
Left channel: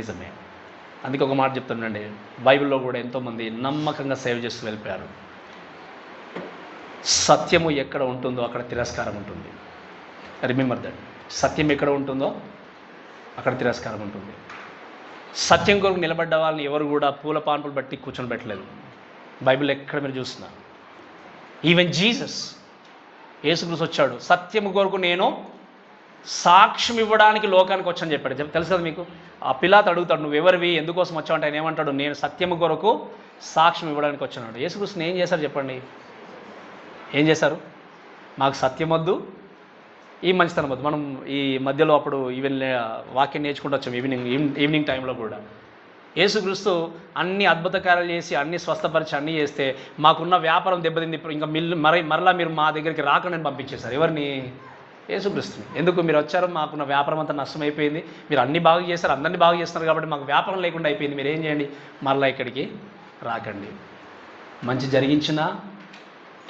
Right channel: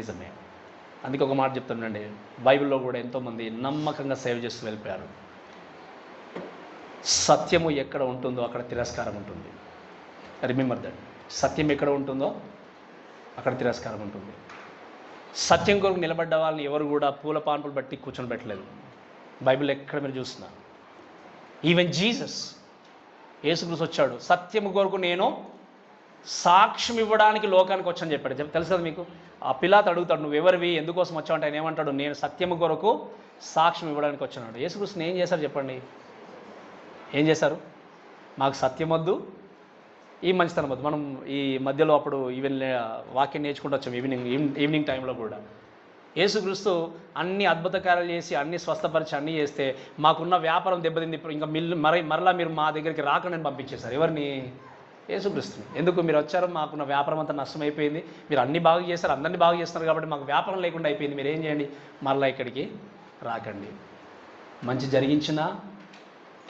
నిజమే. అందుకే ఒక మాట చెప్తానండి, బైబిల్లో కూడా ఎంతోమంది నమ్మకంగా సేవ చేస్తూ వెళ్ళిపోయారు. సత్యము ఎక్కడ ఉంటుందో అక్కడ తిరస్కారం ఉంటుంది. Remember that. సత్యం ఎక్కడ ఉంటుందో అక్కడ తిరస్కారం ఉంటుంది. సత్యం కొరకు నిలబడ్డ వాళ్ళని ఎవరు కూడా పూల పాన్పులు బట్టి కూర్చొని పెట్టలేదు. బైబిల్ ఎక్కడ మీరు చూస్తున్నా, ఈవెన్ జీసస్, యేసుక్రీస్తు వచ్చాడు, సత్యము కొరకు నేను సాక్ష్యం ఇవ్వడానికి లోకానికి వచ్చని చెప్పాడు. తెలుసు కదా మీకు? ఆ పిలాతు అడుగుతాడు, నువ్వు ఎవరివి, ఎందుకోసం వచ్చావు అంటే ఆయన ఏమంటాడు? నేను సత్యము కొరకు సాక్ష్యం ఇవ్వడానికి వచ్చాడు. యేసుక్రీస్తుని ఏం చేశారు చెప్పండి? ఏం చేశారు? మాకు సత్యం వద్దు, ఈ మంచితనం వద్దు. మనం ఈ మధ్యలో అప్పుడు ఈవెన్ వాక్యం నేర్చుకుంటూ వచ్చాం ఈవినింగ్ టైంలో కూడా. యేసుక్రీస్తు అన్ని అద్భుత కార్యాలు చేసి అన్ని స్వస్థపరిచి అన్నీ చేస్తే మాకున్న వ్యాపారం దెబ్బతింది, ఇంకా మరలా మీరు మా దగ్గరికి రాకుండా పంపించేశారు. ఎవరిని? యేసుక్రీస్తుని. ఎందుకు? మీరు వచ్చారు, మాకున్న వ్యాపారం అంతా నష్టమైపోయింది, మీరు అన్ని బాగా చేస్తారు, అందరినీ బాగా చేస్తున్నారు కాబట్టి మాకు వ్యాపారం లేకుండా అయిపోయింది, మీరు ఏం చేయండి, మరలా ఇక్కడికి రాకండి. మంచి జరిగించిన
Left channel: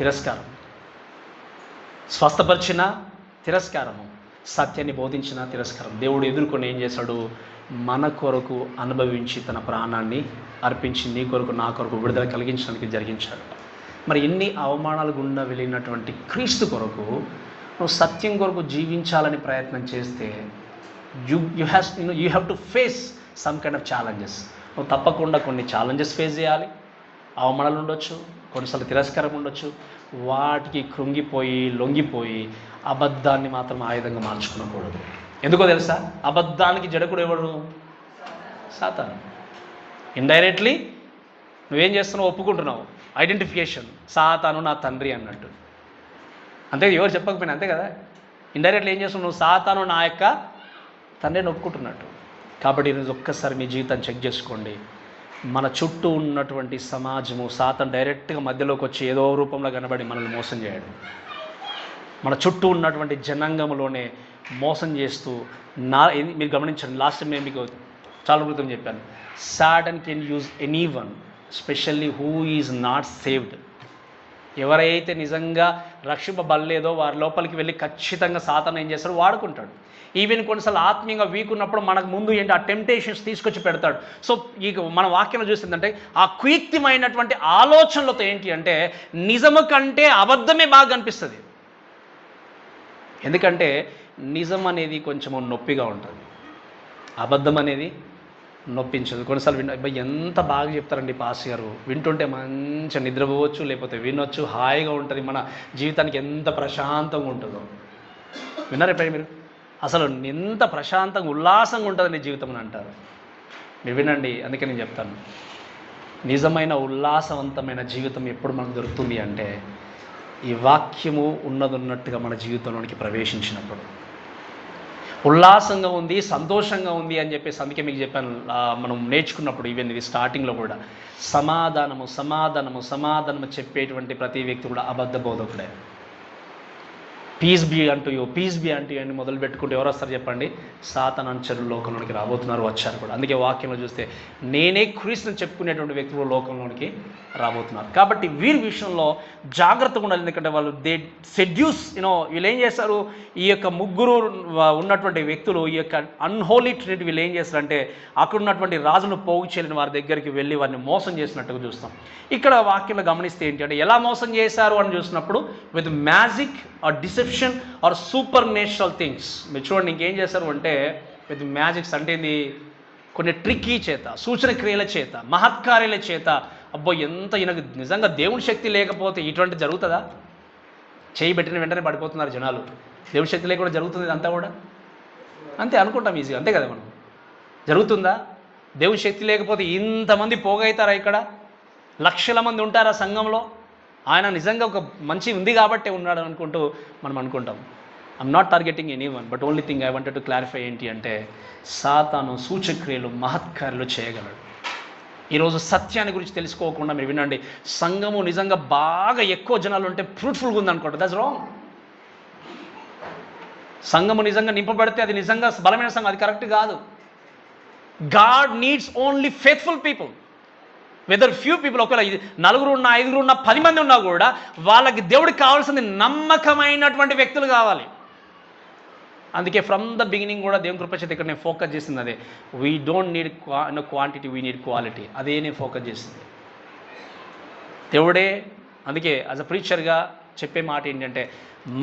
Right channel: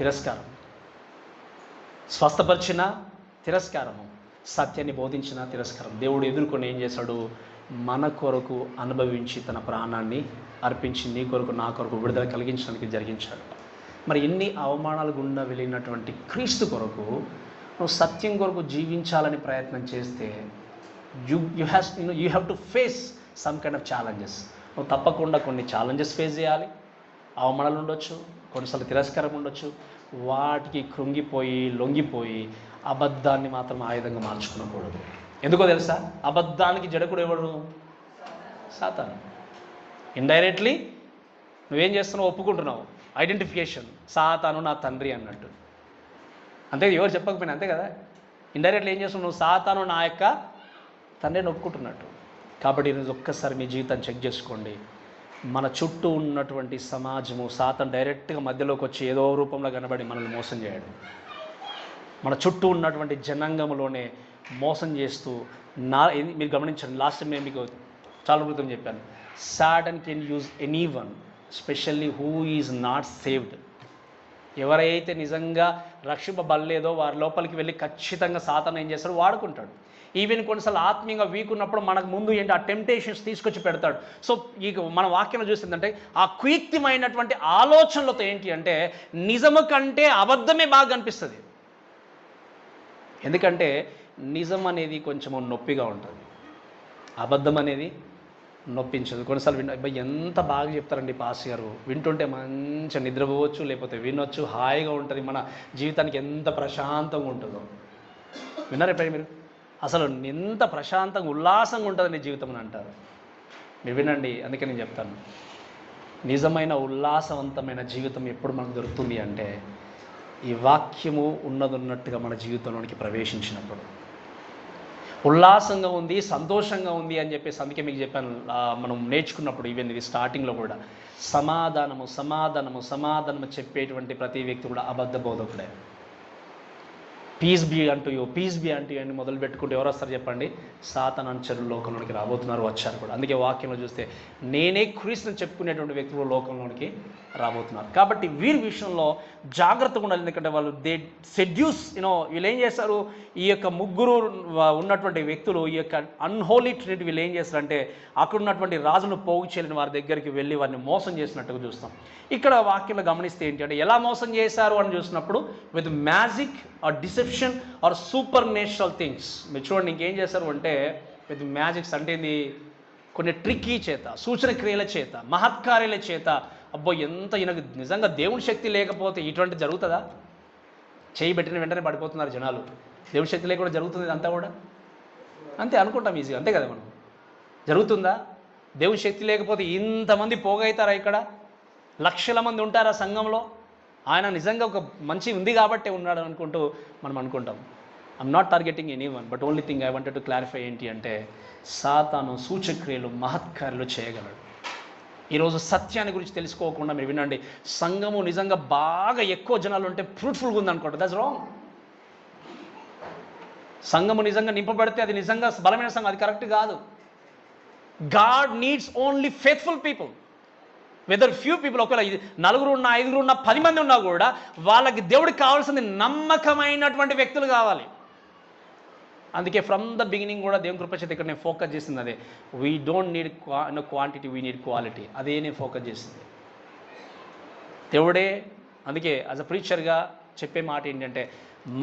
తిరస్కారం, స్వస్థపరిచిన తిరస్కారము, సత్యాన్ని బోధించిన తిరస్కారం. దేవుడు ఎదుర్కొని ఏం చేశాడు? మన కొరకు అనుభవించి తన ప్రాణాన్ని అర్పించి నీ కొరకు నా కొరకు విడుదల కలిగించడానికి జరిగించాడు. మరి ఎన్ని అవమానాలు గుండా వెళ్ళినటువంటి క్రీస్తు కొరకు నువ్వు సత్యం కొరకు జీవించాలని ప్రయత్నం చేస్తే you have to face some kind of challenges. నువ్వు తప్పకుండా కొన్ని ఛాలెంజెస్ ఫేస్ చేయాలి. అవమానాలు ఉండొచ్చు, కొన్నిసార్లు తిరస్కారం ఉండొచ్చు. వాటికి కృంగిపోయి లొంగిపోయి అబద్ధాన్ని మాత్రం ఆయుధంగా మార్చుకోకూడదు. ఎందుకో తెలుసా? అబద్ధానికి జడకుడు ఎవడు? సాతాను. ఇండైరెక్ట్లీ నువ్వేం చేస్తున్నావు? ఒప్పుకుంటున్నావు. ఐడెంటిఫికేషన్, సాతాను నా తండ్రి అన్నట్టు. అంతే, ఎవరు చెప్పకపోయినా అంతే కదా. ఇండైరెక్ట్లీ ఏం చేస్తున్నావు? నువ్వు సాతాను నా యొక్క తండ్రిని ఒప్పుకుంటున్నట్టు. కాబట్టి ఈరోజు ఒక్కసారి మీ జీవితాన్ని చెక్ చేసుకోండి. మన చుట్టూ ఉన్నటువంటి సమాజము, సాతాను డైరెక్ట్గా మధ్యలోకి వచ్చి ఏదో రూపంలో కనబడి మనల్ని మోసం చేయడం. మన చుట్టూ ఉన్నటువంటి జనాంగంలోనే మోసం చేస్తూ మీరు గమనించండి. లాస్ట్ టైం నేను మీకు చాలా క్రితం చెప్పాను, Satan can use anyone, specially who is not saved. ఎవరైతే నిజంగా రక్షింపబడలేదో వారి లోపలికి వెళ్ళి ఖచ్చితంగా సాతాను ఏం చేస్తాడు, వాడుకుంటాడు. ఈవెన్ కొన్నిసార్లు ఆత్మీయంగా వీక్ ఉన్నప్పుడు మనకు ముందు ఏంటి, ఆ టెంప్టేషన్స్ తీసుకొచ్చి పెడతాడు. సో ఈ మన వాక్యంలో చూసిందంటే ఆ కుయుక్తిమైనటువంటి ఆలోచనలతో ఏంటి అంటే నిజము కంటే అబద్ధమే బాగా అనిపిస్తుంది. ఎందుకంటే నిజం అనేది కొంచెం నొప్పిగా ఉంటుంది, అబద్ధం అనేది నొప్పించదు. కొన్నిసార్లు ఎంత బాగా చెప్తారండి పాస్ గారు, వింటుంటే మంచిగా నిద్రపోవచ్చు, లేకపోతే వినొచ్చు, హాయిగా ఉంటుంది, మన జీవితానికి ఎంత ప్రశాంతంగా ఉంటుందో. విన్నారా ఎప్పుడైనా మీరు? అసలు ఎంత ప్రశాంతంగా ఉల్లాసంగా ఉంటుంది నీ జీవితం అని అంటారు. మీరు వినండి, అందుకే నేను చెప్తాను, నిజమైన ఉల్లాసవంతమైన జీవితం ఎప్పుడు మనకు దొరుకుతుంది అంటే ఈ వాక్యము ఉన్నట్టుగా మన జీవితంలోనికి ప్రవేశించినప్పుడు. ఉల్లాసంగా ఉంది, సంతోషంగా ఉంది అని చెప్పేసి అందుకే మీకు చెప్పాను, మనం నేర్చుకున్నప్పుడు ఈవెన్ ఇది స్టార్టింగ్లో కూడా సమాధానము సమాధానము సమాధానము చెప్పేటువంటి ప్రతి వ్యక్తి కూడా అబద్ధ బోధకుడే. పీస్ బీ అంటూ యూ, పీస్ బీ అంటూ యూ అని మొదలు పెట్టుకుంటే ఎవరు వస్తారు చెప్పండి? సాతాను అనుచరులు లోకంలోనికి రాబోతున్నారు, వచ్చారు కూడా. అందుకే వాక్యంలో చూస్తే నేనే క్రీస్తుని చెప్పుకునేటువంటి వ్యక్తులు లోకంలోనికి రాబోతున్నారు. కాబట్టి వీరి విషయంలో జాగ్రత్తగా ఉండాలి. ఎందుకంటే వాళ్ళు దే సెడ్యూస్ వీళ్ళు ఏం చేస్తారు, ఈ యొక్క ముగ్గురు ఉన్నటువంటి వ్యక్తులు, ఈ యొక్క అన్హోలీ ట్రినిటీ వీళ్ళు ఏం చేస్తారంటే అక్కడ ఉన్నటువంటి రాజులు పోగు చేయలేని వారి దగ్గరికి వెళ్ళి వారిని మోసం చేసినట్టుగా చూస్తాం. ఇక్కడ వాక్యంలో గమనిస్తే ఏంటి అంటే ఎలా మోసం చేశారు అని చూసినప్పుడు with magic or deception or supernatural things. మీరు చూడండి ఇంకేం చేశారు అంటే విత్ మ్యాజిక్స్ అంటే ఇది కొన్ని ట్రిక్కీ చేత, సూచన క్రియల చేత, మహత్కార్యాల చేత. అబ్బో ఎంత ఈయనకు నిజంగా దేవుని శక్తి లేకపోతే ఇటువంటి జరుగుతుందా? చేయి పెట్టిన వెంటనే పడిపోతున్నారు జనాలు. దేవుని శక్తి లేకుండా జరుగుతుంది ఇదంతా కూడా అంతే అనుకుంటాం ఈజీగా, అంతే కదా మనం. జరుగుతుందా? దేవుని శక్తి లేకపోతే ఇంతమంది పోగవుతారా? ఇక్కడ లక్షల మంది ఉంటారా సంఘంలో? ఆయన నిజంగా ఒక మంచి ఉంది కాబట్టే ఉన్నాడు అనుకుంటూ మనం అనుకుంటాం. I'm not targeting any one, but only thing I wanted to clarify ఏంటి అంటే సాతాను సూచక్రియలు మహత్కార్యాలు చేయగలడు. ఈరోజు సత్యాన్ని గురించి తెలుసుకోకుండా మీరు వినండి, సంఘము నిజంగా బాగా ఎక్కువ జనాలు ఉంటే ఫ్రూట్ఫుల్గా ఉందనుకోండి, దట్స్ రాంగ్. సంఘము నిజంగా నింపబడితే అది నిజంగా బలమైన సంఘం, అది కరెక్ట్ కాదు. God needs only faithful people. Whether few people, ఒకవేళ 4 ఉన్నా 5 ఉన్నా 10 మంది ఉన్నా కూడా వాళ్ళకి దేవుడికి కావాల్సింది నమ్మకమైనటువంటి వ్యక్తులు కావాలి. అందుకే ఫ్రమ్ ద బిగినింగ్ కూడా దేవుని కృప చేత ఇక్కడ నేను ఫోకస్ చేసింది అదే, we don't need quantity, we need quality. అదే నేను ఫోకస్ చేసింది దేవుడే. అందుకే యాజ్ అ ప్రీచర్గా చెప్పే మాట ఏంటంటే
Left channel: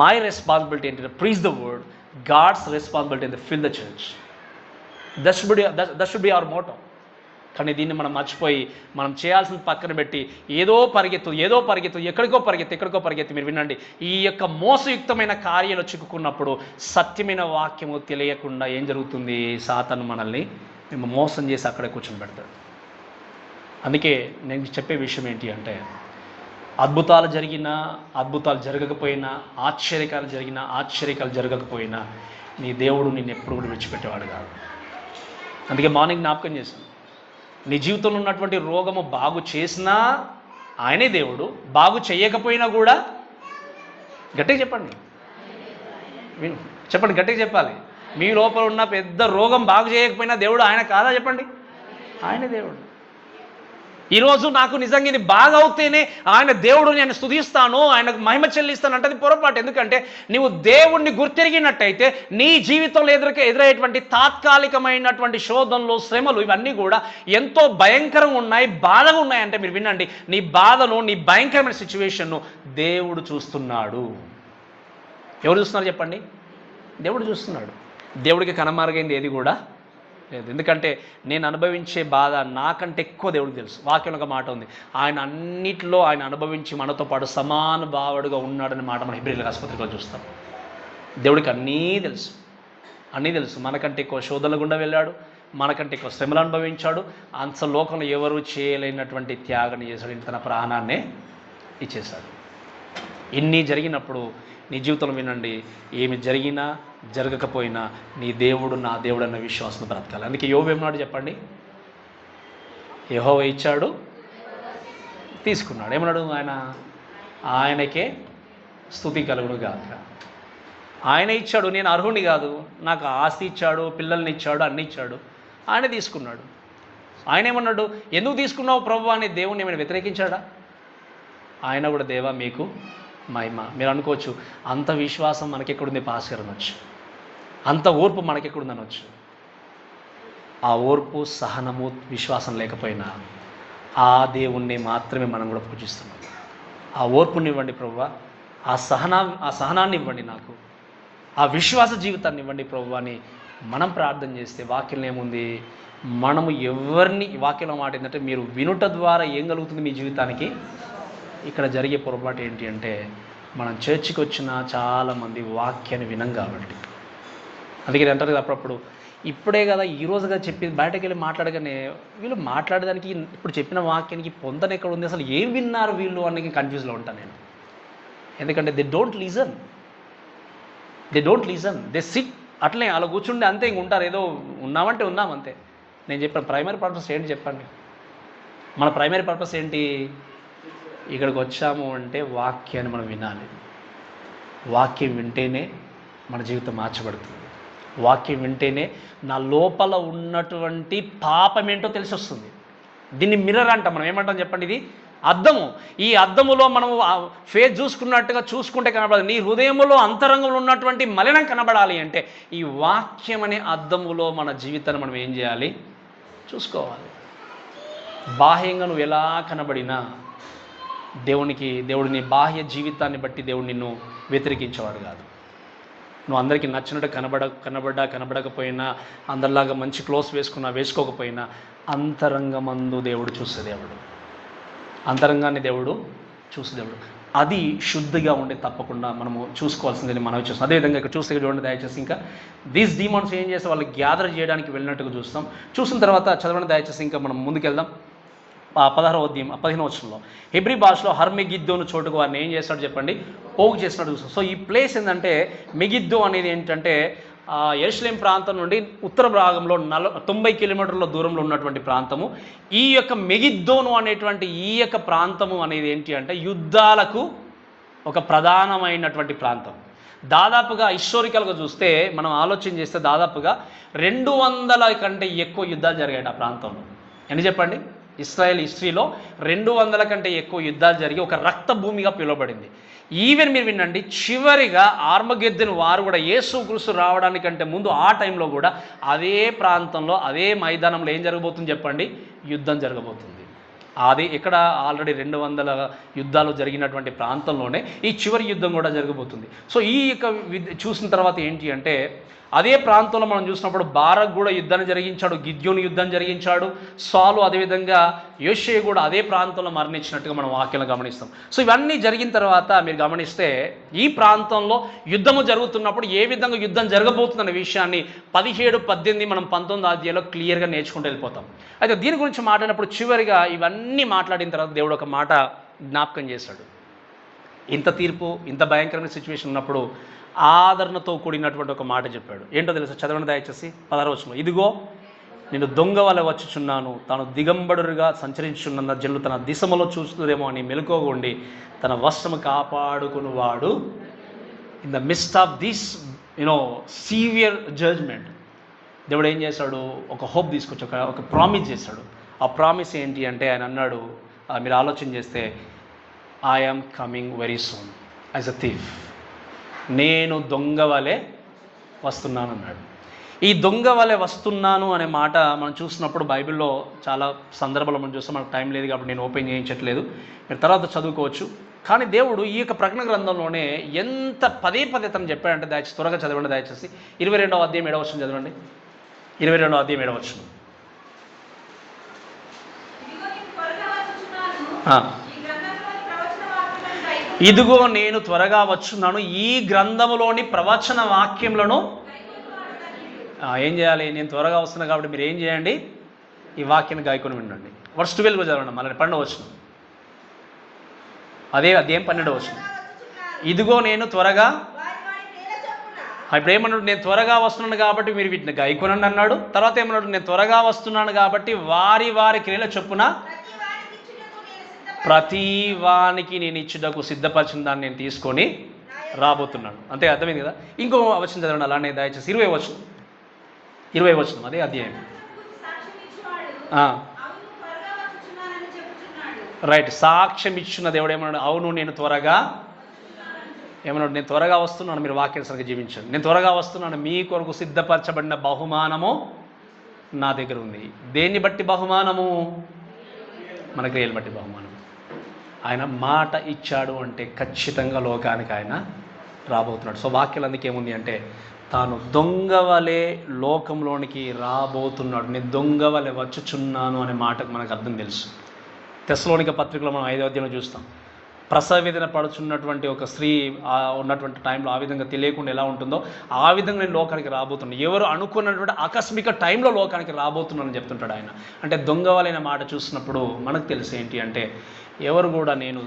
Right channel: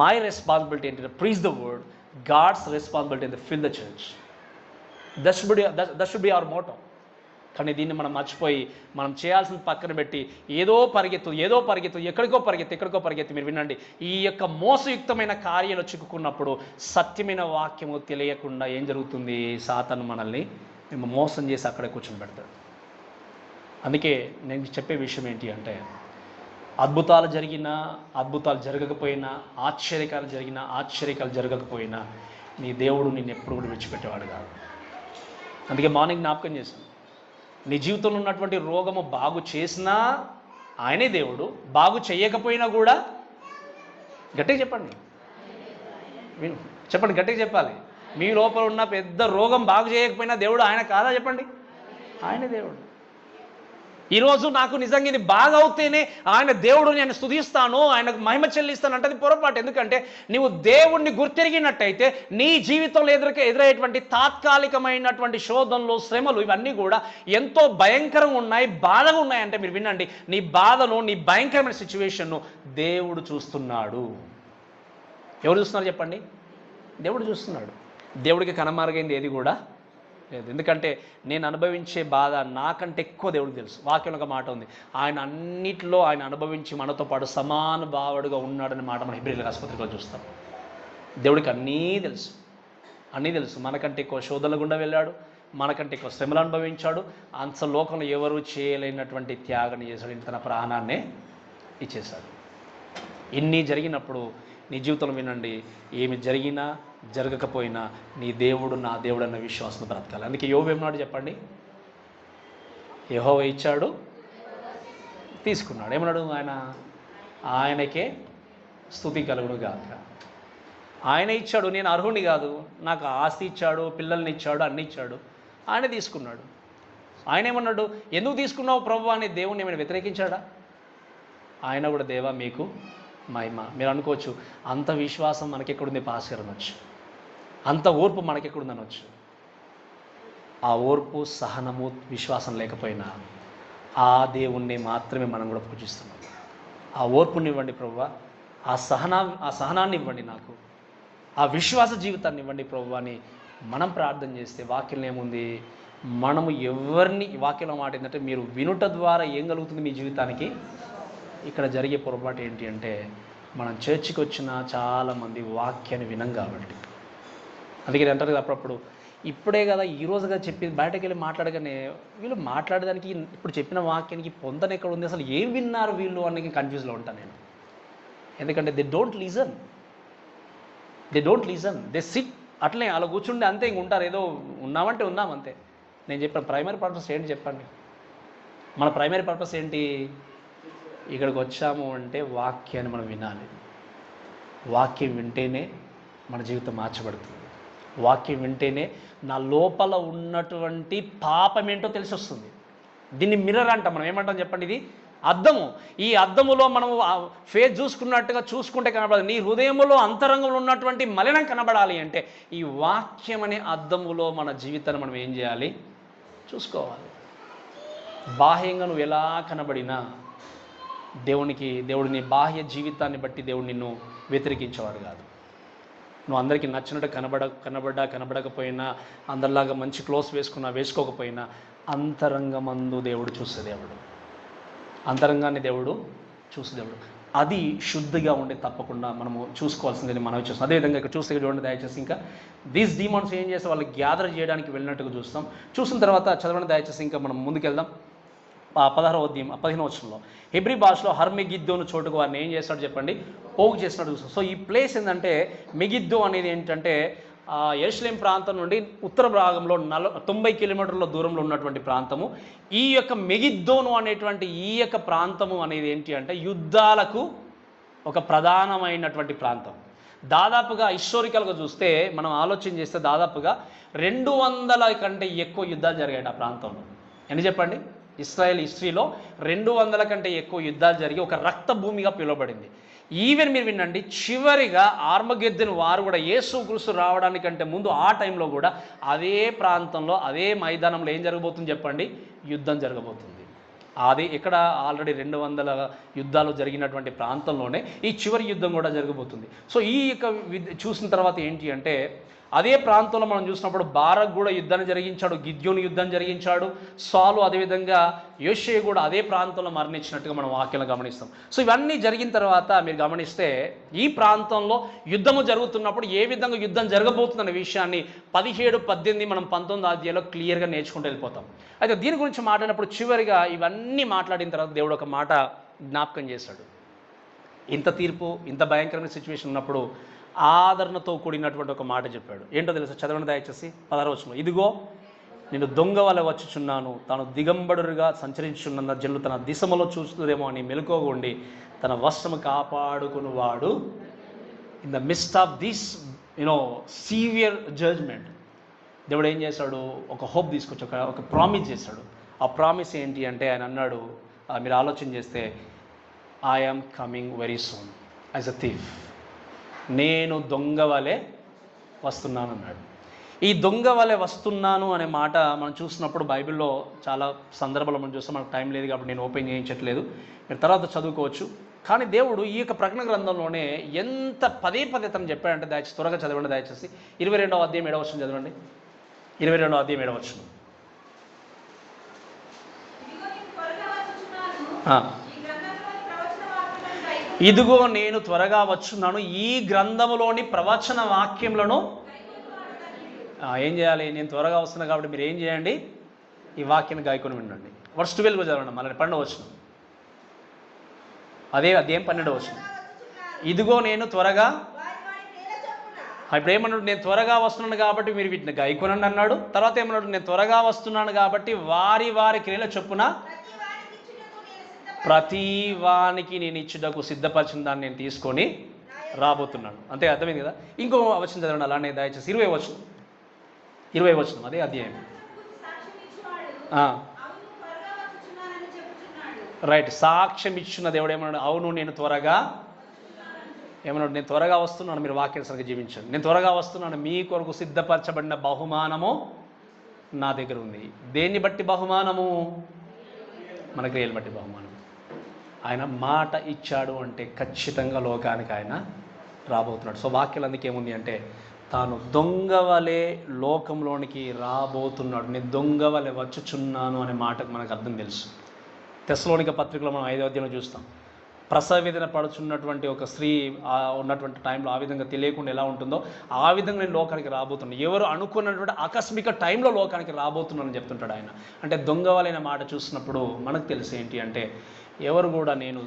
మై రెస్పాన్సిబిలిటీ ఏంటంటే preach the word, God's responsibility to fill the church. That should be our motto. కానీ దీన్ని మనం మర్చిపోయి మనం చేయాల్సింది పక్కన పెట్టి ఏదో పరిగెత్తు ఎక్కడికో పరిగెత్తు. మీరు వినండి, ఈ యొక్క మోసయుక్తమైన కార్యాలు చిక్కుకున్నప్పుడు సత్యమైన వాక్యము తెలియకుండా ఏం జరుగుతుంది, సాతాను మనల్ని మేము మోసం చేసి అక్కడే కూర్చొని పెడతాడు. అందుకే నేను చెప్పే విషయం ఏంటి అంటే అద్భుతాలు జరిగినా అద్భుతాలు జరగకపోయినా, ఆశ్చర్యకాలు జరగకపోయినా నీ దేవుడు నిన్ను ఎప్పుడు కూడా విడిచిపెట్టేవాడు కాదు. అందుకే మార్నింగ్ జ్ఞాపకం చేశాను, నీ జీవితంలో ఉన్నటువంటి రోగము బాగు చేసినా ఆయనే దేవుడు, బాగు చేయకపోయినా కూడా గట్టిగా చెప్పండి, గట్టిగా చెప్పాలి. మీ లోపల ఉన్న పెద్ద రోగం బాగు చేయకపోయినా దేవుడు ఆయన కాదా? చెప్పండి, ఆయనే దేవుడు. ఈరోజు నాకు నిజంగా ఇది బాగా అవుతేనే ఆయన దేవుడు, నేను స్తుతిస్తాను, ఆయనకు మహిమ చెల్లిస్తాను అంటే అది పొరపాటు. ఎందుకంటే నీవు దేవుణ్ణి గుర్తిరిగినట్టయితే నీ జీవితంలో ఎదురయ్యేటువంటి తాత్కాలికమైనటువంటి శోధనలు, శ్రమలు ఇవన్నీ కూడా ఎంతో భయంకరంగా ఉన్నాయి, బాధగా ఉన్నాయంటే మీరు వినండి, నీ బాధను, నీ భయంకరమైన సిచ్యువేషన్ను దేవుడు చూస్తున్నాడు. ఎవరు చూస్తున్నారు చెప్పండి? దేవుడు చూస్తున్నాడు. దేవుడికి కనమరుగైంది ఏది కూడా లేదు. ఎందుకంటే నేను అనుభవించే బాధ నాకంటే ఎక్కువ దేవుడికి తెలుసు. వాక్యంలో ఒక మాట ఉంది, ఆయన అన్నిటిలో ఆయన అనుభవించి మనతో పాటు సమాన భావుడుగా ఉన్నాడనే మాట మన హెబ్రీయుల ఆసుపత్రిలో చూస్తాం. దేవుడికి అన్నీ తెలుసు. మనకంటే ఎక్కువ శోధనల గుండా వెళ్ళాడు, మనకంటే ఎక్కువ శ్రమలు అనుభవించాడు. అంత లోకంలో ఎవరు చేయలేనటువంటి త్యాగం చేశాడు, తన ప్రాణాన్నే ఇచ్చేశాడు. ఇన్ని జరిగినప్పుడు నీ జీవితంలో వినండి, ఏమి జరిగినా జరగకపోయినా నీ దేవుడు నా దేవుడు అన్న విశ్వాసం బ్రతకాలి. అందుకే యోబు ఏమన్నాడు చెప్పండి? యెహోవా ఇచ్చాడు, తీసుకున్నాడు. ఏమన్నాడు ఆయన? ఆయనకే స్తుతి కలుగును గాక. ఆయన ఇచ్చాడు, నేను అర్హుని కాదు, నాకు ఆస్తి ఇచ్చాడు, పిల్లల్ని ఇచ్చాడు, అన్ని ఇచ్చాడు, ఆయన తీసుకున్నాడు. ఆయన ఏమన్నాడు, ఎందుకు తీసుకున్నావు ప్రభు అని దేవుణ్ణి ఏమైనా వ్యతిరేకించాడా? ఆయన కూడా దేవా మీకు మహిమ. మీరు అనుకోవచ్చు అంత విశ్వాసం మనకెక్కడుంది పాస్టర్ అనొచ్చు, అంత ఓర్పు మనకెక్కడుంది అనొచ్చు. ఆ ఓర్పు, సహనము, విశ్వాసం లేకపోయినా ఆ దేవుణ్ణి మాత్రమే మనం కూడా పూజిస్తున్నాం. ఆ ఓర్పుని ఇవ్వండి ప్రభువా, ఆ సహనాన్ని ఇవ్వండి నాకు, ఆ విశ్వాస జీవితాన్ని ఇవ్వండి ప్రభు అని మనం ప్రార్థన చేస్తే వాక్యం ఏముంది, మనము ఎవరిని, వాక్యంలో మాట ఏంటంటే మీరు వినుట ద్వారా ఏం కలుగుతుంది మీ జీవితానికి. ఇక్కడ జరిగే పొరపాటు ఏంటి అంటే మనం చర్చికి వచ్చిన చాలామంది వాక్యాన్ని వినం కాబట్టి. అందుకే అంటారు కదా అప్పుడప్పుడు, ఇప్పుడే కదా ఈరోజుగా చెప్పి బయటకు వెళ్ళి మాట్లాడగానే వీళ్ళు మాట్లాడడానికి ఇప్పుడు చెప్పిన వాక్యానికి పొందన ఎక్కడ ఉంది, అసలు ఏం విన్నారు వీళ్ళు అని కన్ఫ్యూజ్లో ఉంటాను నేను. ఎందుకంటే they don't listen, they SIT అట్లే అలా కూర్చుండి అంతే, ఇంక ఉంటారు, ఏదో ఉన్నామంటే ఉన్నాం అంతే. నేను చెప్పిన ప్రైమరీ పర్పస్ ఏంటి చెప్పండి? మన ప్రైమరీ పర్పస్ ఏంటి? ఇక్కడికి వచ్చాము అంటే వాక్యాన్ని మనం వినాలి. వాక్యం వింటేనే మన జీవితం మార్చబడుతుంది. వాక్యం వింటేనే నా లోపల ఉన్నటువంటి పాపం ఏంటో తెలిసి వస్తుంది. దీన్ని మిర్రర్ అంటాం మనం. ఏమంటాం చెప్పండి? ఇది అద్దము. ఈ అద్దములో మనం ఫేస్ చూసుకున్నట్టుగా చూసుకుంటే కనబడదు. నీ హృదయంలో అంతరంగంలో ఉన్నటువంటి మలినం కనబడాలి అంటే ఈ వాక్యం అనే అద్దములో మన జీవితాన్ని మనం ఏం చేయాలి? చూసుకోవాలి. బాహ్యంగా నువ్వు ఎలా కనబడినా దేవుడిని బాహ్య జీవితాన్ని బట్టి దేవుడు నిన్ను వ్యతిరేకించేవాడు కాదు. నువ్వు అందరికీ నచ్చినట్టు కనబడకపోయినా, అందరిలాగా మంచి క్లోత్స్ వేసుకోకపోయినా అంతరంగమందు దేవుడు చూసే దేవుడు, అంతరంగాన్ని దేవుడు చూసే దేవుడు. అది శుద్ధిగా ఉండి తప్పకుండా మనము చూసుకోవాల్సిందని మనం చూస్తాం. అదేవిధంగా ఇక్కడ చూస్తే చూడండి దయచేసి, ఇంకా దీస్ డీమాన్స్ ఏం చేస్తే వాళ్ళు గ్యాదర్ చేయడానికి వెళ్ళినట్టుగా చూస్తాం. చూసిన తర్వాత చదవండి దయచేసి, ఇంకా మనం ముందుకెళ్దాం. 16వ అధ్యాయం 15వ వచనంలో హెబ్రీ భాషలో హర్మెగిద్దోను చోటుకు వారిని ఏం చేస్తాడు చెప్పండి? పోగు చేసినట్టు చూస్తాం. సో ఈ ప్లేస్ ఏంటంటే మెగిద్దో అనేది ఏంటంటే యెరూషలేం ప్రాంతం నుండి ఉత్తర భాగంలో 90 కిలోమీటర్ల దూరంలో ఉన్నటువంటి ప్రాంతము. ఈ యొక్క మెగిద్దోను అనేటువంటి ఈ యొక్క ప్రాంతము అనేది ఏంటి అంటే యుద్ధాలకు ఒక ప్రధానమైనటువంటి ప్రాంతం. దాదాపుగా హిస్టారికల్గా చూస్తే మనం ఆలోచన చేస్తే దాదాపుగా 200 కంటే ఎక్కువ యుద్ధాలు జరిగాయి ఆ ప్రాంతంలో. ఎన్ని చెప్పండి? ఇస్రాయేల్ హిస్టరీలో 200 కంటే ఎక్కువ యుద్ధాలు జరిగి ఒక రక్త భూమిగా పిలువబడింది. ఈవెన్ మీరు వినండి, చివరిగా ఆర్మగెద్దెను వారు కూడా యేసుక్రీస్తు రావడానికంటే ముందు ఆ టైంలో కూడా అదే ప్రాంతంలో అదే మైదానంలో ఏం జరగబోతుంది చెప్పండి? యుద్ధం జరగబోతుంది. అది ఇక్కడ ఆల్రెడీ 200 యుద్ధాలు జరిగినటువంటి ప్రాంతంలోనే ఈ చివరి యుద్ధం కూడా జరగబోతుంది. సో ఈ యొక్క చూసిన తర్వాత ఏంటి అంటే అదే ప్రాంతంలో మనం చూసినప్పుడు బారక్ కూడా యుద్ధాన్ని జరిగించాడు, గిద్యోను యుద్ధం జరిగించాడు, సాలు అదేవిధంగా యోషే కూడా అదే ప్రాంతంలో మరణించినట్టుగా మనం వాక్యాలను గమనిస్తాం. సో ఇవన్నీ జరిగిన తర్వాత మీరు గమనిస్తే ఈ ప్రాంతంలో యుద్ధము జరుగుతున్నప్పుడు ఏ విధంగా యుద్ధం జరగబోతుందనే విషయాన్ని 17, 18 మనం 19వ అధ్యాయంలో క్లియర్గా నేర్చుకుంటూ వెళ్ళిపోతాం. అయితే దీని గురించి మాట్లాడినప్పుడు చివరిగా ఇవన్నీ మాట్లాడిన తర్వాత దేవుడు ఒక మాట జ్ఞాపకం చేశాడు. ఇంత తీర్పు, ఇంత భయంకరమైన సిచ్యువేషన్ ఉన్నప్పుడు ఆదరణతో కూడినటువంటి ఒక మాట చెప్పాడు. ఏంటో తెలుసా? చదవండి దయచేసి 16వ వచనం. ఇదిగో నేను దొంగ వలె వచ్చుచున్నాను, తాను దిగంబరుగా సంచరించున్న జనులు తన దిశమలో చూస్తుందేమో అని మెలకువగా తన వస్త్రము కాపాడుకుని వాడు in the mist of this severe judgement దేవుడు ఏం చేశాడు? ఒక హోప్ తీసుకొచ్చి ఒక ప్రామిస్ చేశాడు. ఆ ప్రామిస్ ఏంటి అంటే ఆయన అన్నాడు, మీరు ఆలోచన చేస్తే, I am coming very soon as a thief. నేను దొంగ వలె వస్తున్నాను అన్నాడు. ఈ దొంగ వలె వస్తున్నాను అనే మాట మనం చూసినప్పుడు బైబిల్లో చాలా సందర్భాలు మనం చూస్తాం. మనకు టైం లేదు కాబట్టి నేను ఓపెన్ చేయించట్లేదు, మీరు తర్వాత చదువుకోవచ్చు. కానీ దేవుడు ఈ యొక్క ప్రకటన గ్రంథంలోనే ఎంత పదే తను చెప్పాడంటే దయచేసి త్వరగా చదవండి దయచేసి 22వ అధ్యాయం 7వ వచనం చదవండి. 22వ అధ్యాయం 7వ వచనం. ఇదిగో నేను త్వరగా వచ్చున్నాను, ఈ గ్రంథములోని ప్రవచన వాక్యములను ఏం చేయాలి? నేను త్వరగా వస్తున్నాను కాబట్టి మీరు ఏం చేయండి? ఈ వాక్యాన్ని గాయకొని వినండి. వర్స్ 12 చదవండి. మళ్ళీ 12వ వచనం, అదే అదేం 12వ వచనం. ఇదిగో నేను త్వరగా, ఇప్పుడు ఏమన్నాడు? నేను త్వరగా వస్తున్నాను కాబట్టి మీరు వీటిని గాయకొనండి అన్నాడు. తర్వాత ఏమన్నాడు? నేను త్వరగా వస్తున్నాను కాబట్టి వారి క్రియల చొప్పున ప్రతి వానికి నేను ఇచ్చుటకు సిద్ధపరిచిన దాన్ని నేను తీసుకొని రాబోతున్నాను. అంతే, అర్థమైంది కదా? ఇంకో వచనం చదవండి అలానే దయచేసి 20వ వచనం. అదే అధ్యాయం. రైట్. సాక్ష్యం ఇచ్చిన దేవుడు ఏమన్నాడు? అవును నేను త్వరగా ఏమన్నాడు? నేను త్వరగా వస్తున్నాను, మీరు వాక్యానుసారంగా జీవించండి. నేను త్వరగా వస్తున్నాను, మీ కొరకు సిద్ధపరచబడిన బహుమానము నా దగ్గర ఉంది. దేన్ని బట్టి బహుమానము? మన క్రియలు బట్టి బహుమానం. ఆయన మాట ఇచ్చాడు అంటే ఖచ్చితంగా లోకానికి ఆయన రాబోతున్నాడు. సో వాక్యాలు అందుకే ఏముంది అంటే, తాను దొంగ వలె లోకంలోనికి రాబోతున్నాడు, నేను దొంగ వలె వచ్చుచున్నాను అనే మాటకు మనకు అర్థం తెలుసు. తెస్సలోనిక పత్రికలో మనం 5వ అధ్యాయంలో చూస్తాం. ప్రసవ వేదన పడుచున్నటువంటి ఒక స్త్రీ ఉన్నటువంటి టైంలో ఆ విధంగా తెలియకుండా ఎలా ఉంటుందో ఆ విధంగా నేను లోకానికి రాబోతున్నాను, ఎవరు అనుకున్నటువంటి ఆకస్మిక టైంలో లోకానికి రాబోతున్నానని చెప్తుంటాడు ఆయన. అంటే దొంగ వలైన మాట చూసినప్పుడు మనకు తెలిసి ఏంటి అంటే, ఎవరు కూడా నేను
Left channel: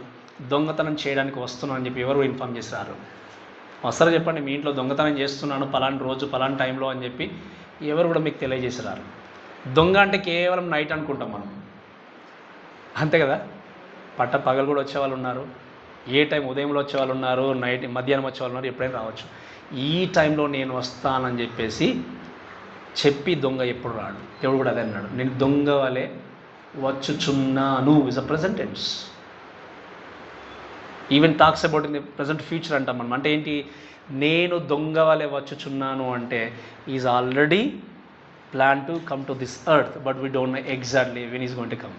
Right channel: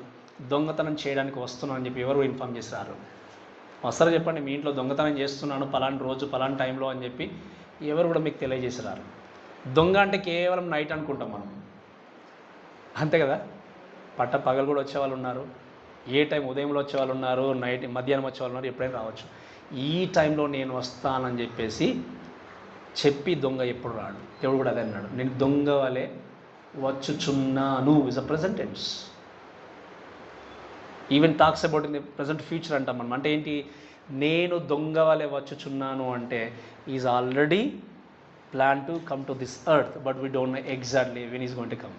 దొంగతనం చేయడానికి వస్తున్నాను అని చెప్పి ఎవరు ఇన్ఫామ్ చేసి రారు. వస్తారు చెప్పండి, మీ ఇంట్లో దొంగతనం చేస్తున్నాను పలాంటి రోజు పలాంటి టైంలో అని చెప్పి ఎవరు కూడా మీకు తెలియజేసి రారు. దొంగ అంటే కేవలం నైట్ అనుకుంటాం మనం, అంతే కదా. పట్ట పగలు కూడా వచ్చేవాళ్ళు ఉన్నారు, ఏ టైం ఉదయంలో వచ్చేవాళ్ళు ఉన్నారు, నైట్ మధ్యాహ్నం వచ్చేవాళ్ళు ఉన్నారు, ఎప్పుడైనా రావచ్చు. ఈ టైంలో నేను వస్తానని చెప్పి దొంగ ఎప్పుడు రాడు. దేవుడు కూడా అదే అన్నాడు, నేను దొంగ వలె వచ్చుచున్నాను is a present tense. Even talks about in the present future అంటాం మనం. అంటే ఏంటి? నేను దొంగ వలె వచ్చుచున్నాను అంటే is already plan to come to this earth, but we don't know exactly when is going to come.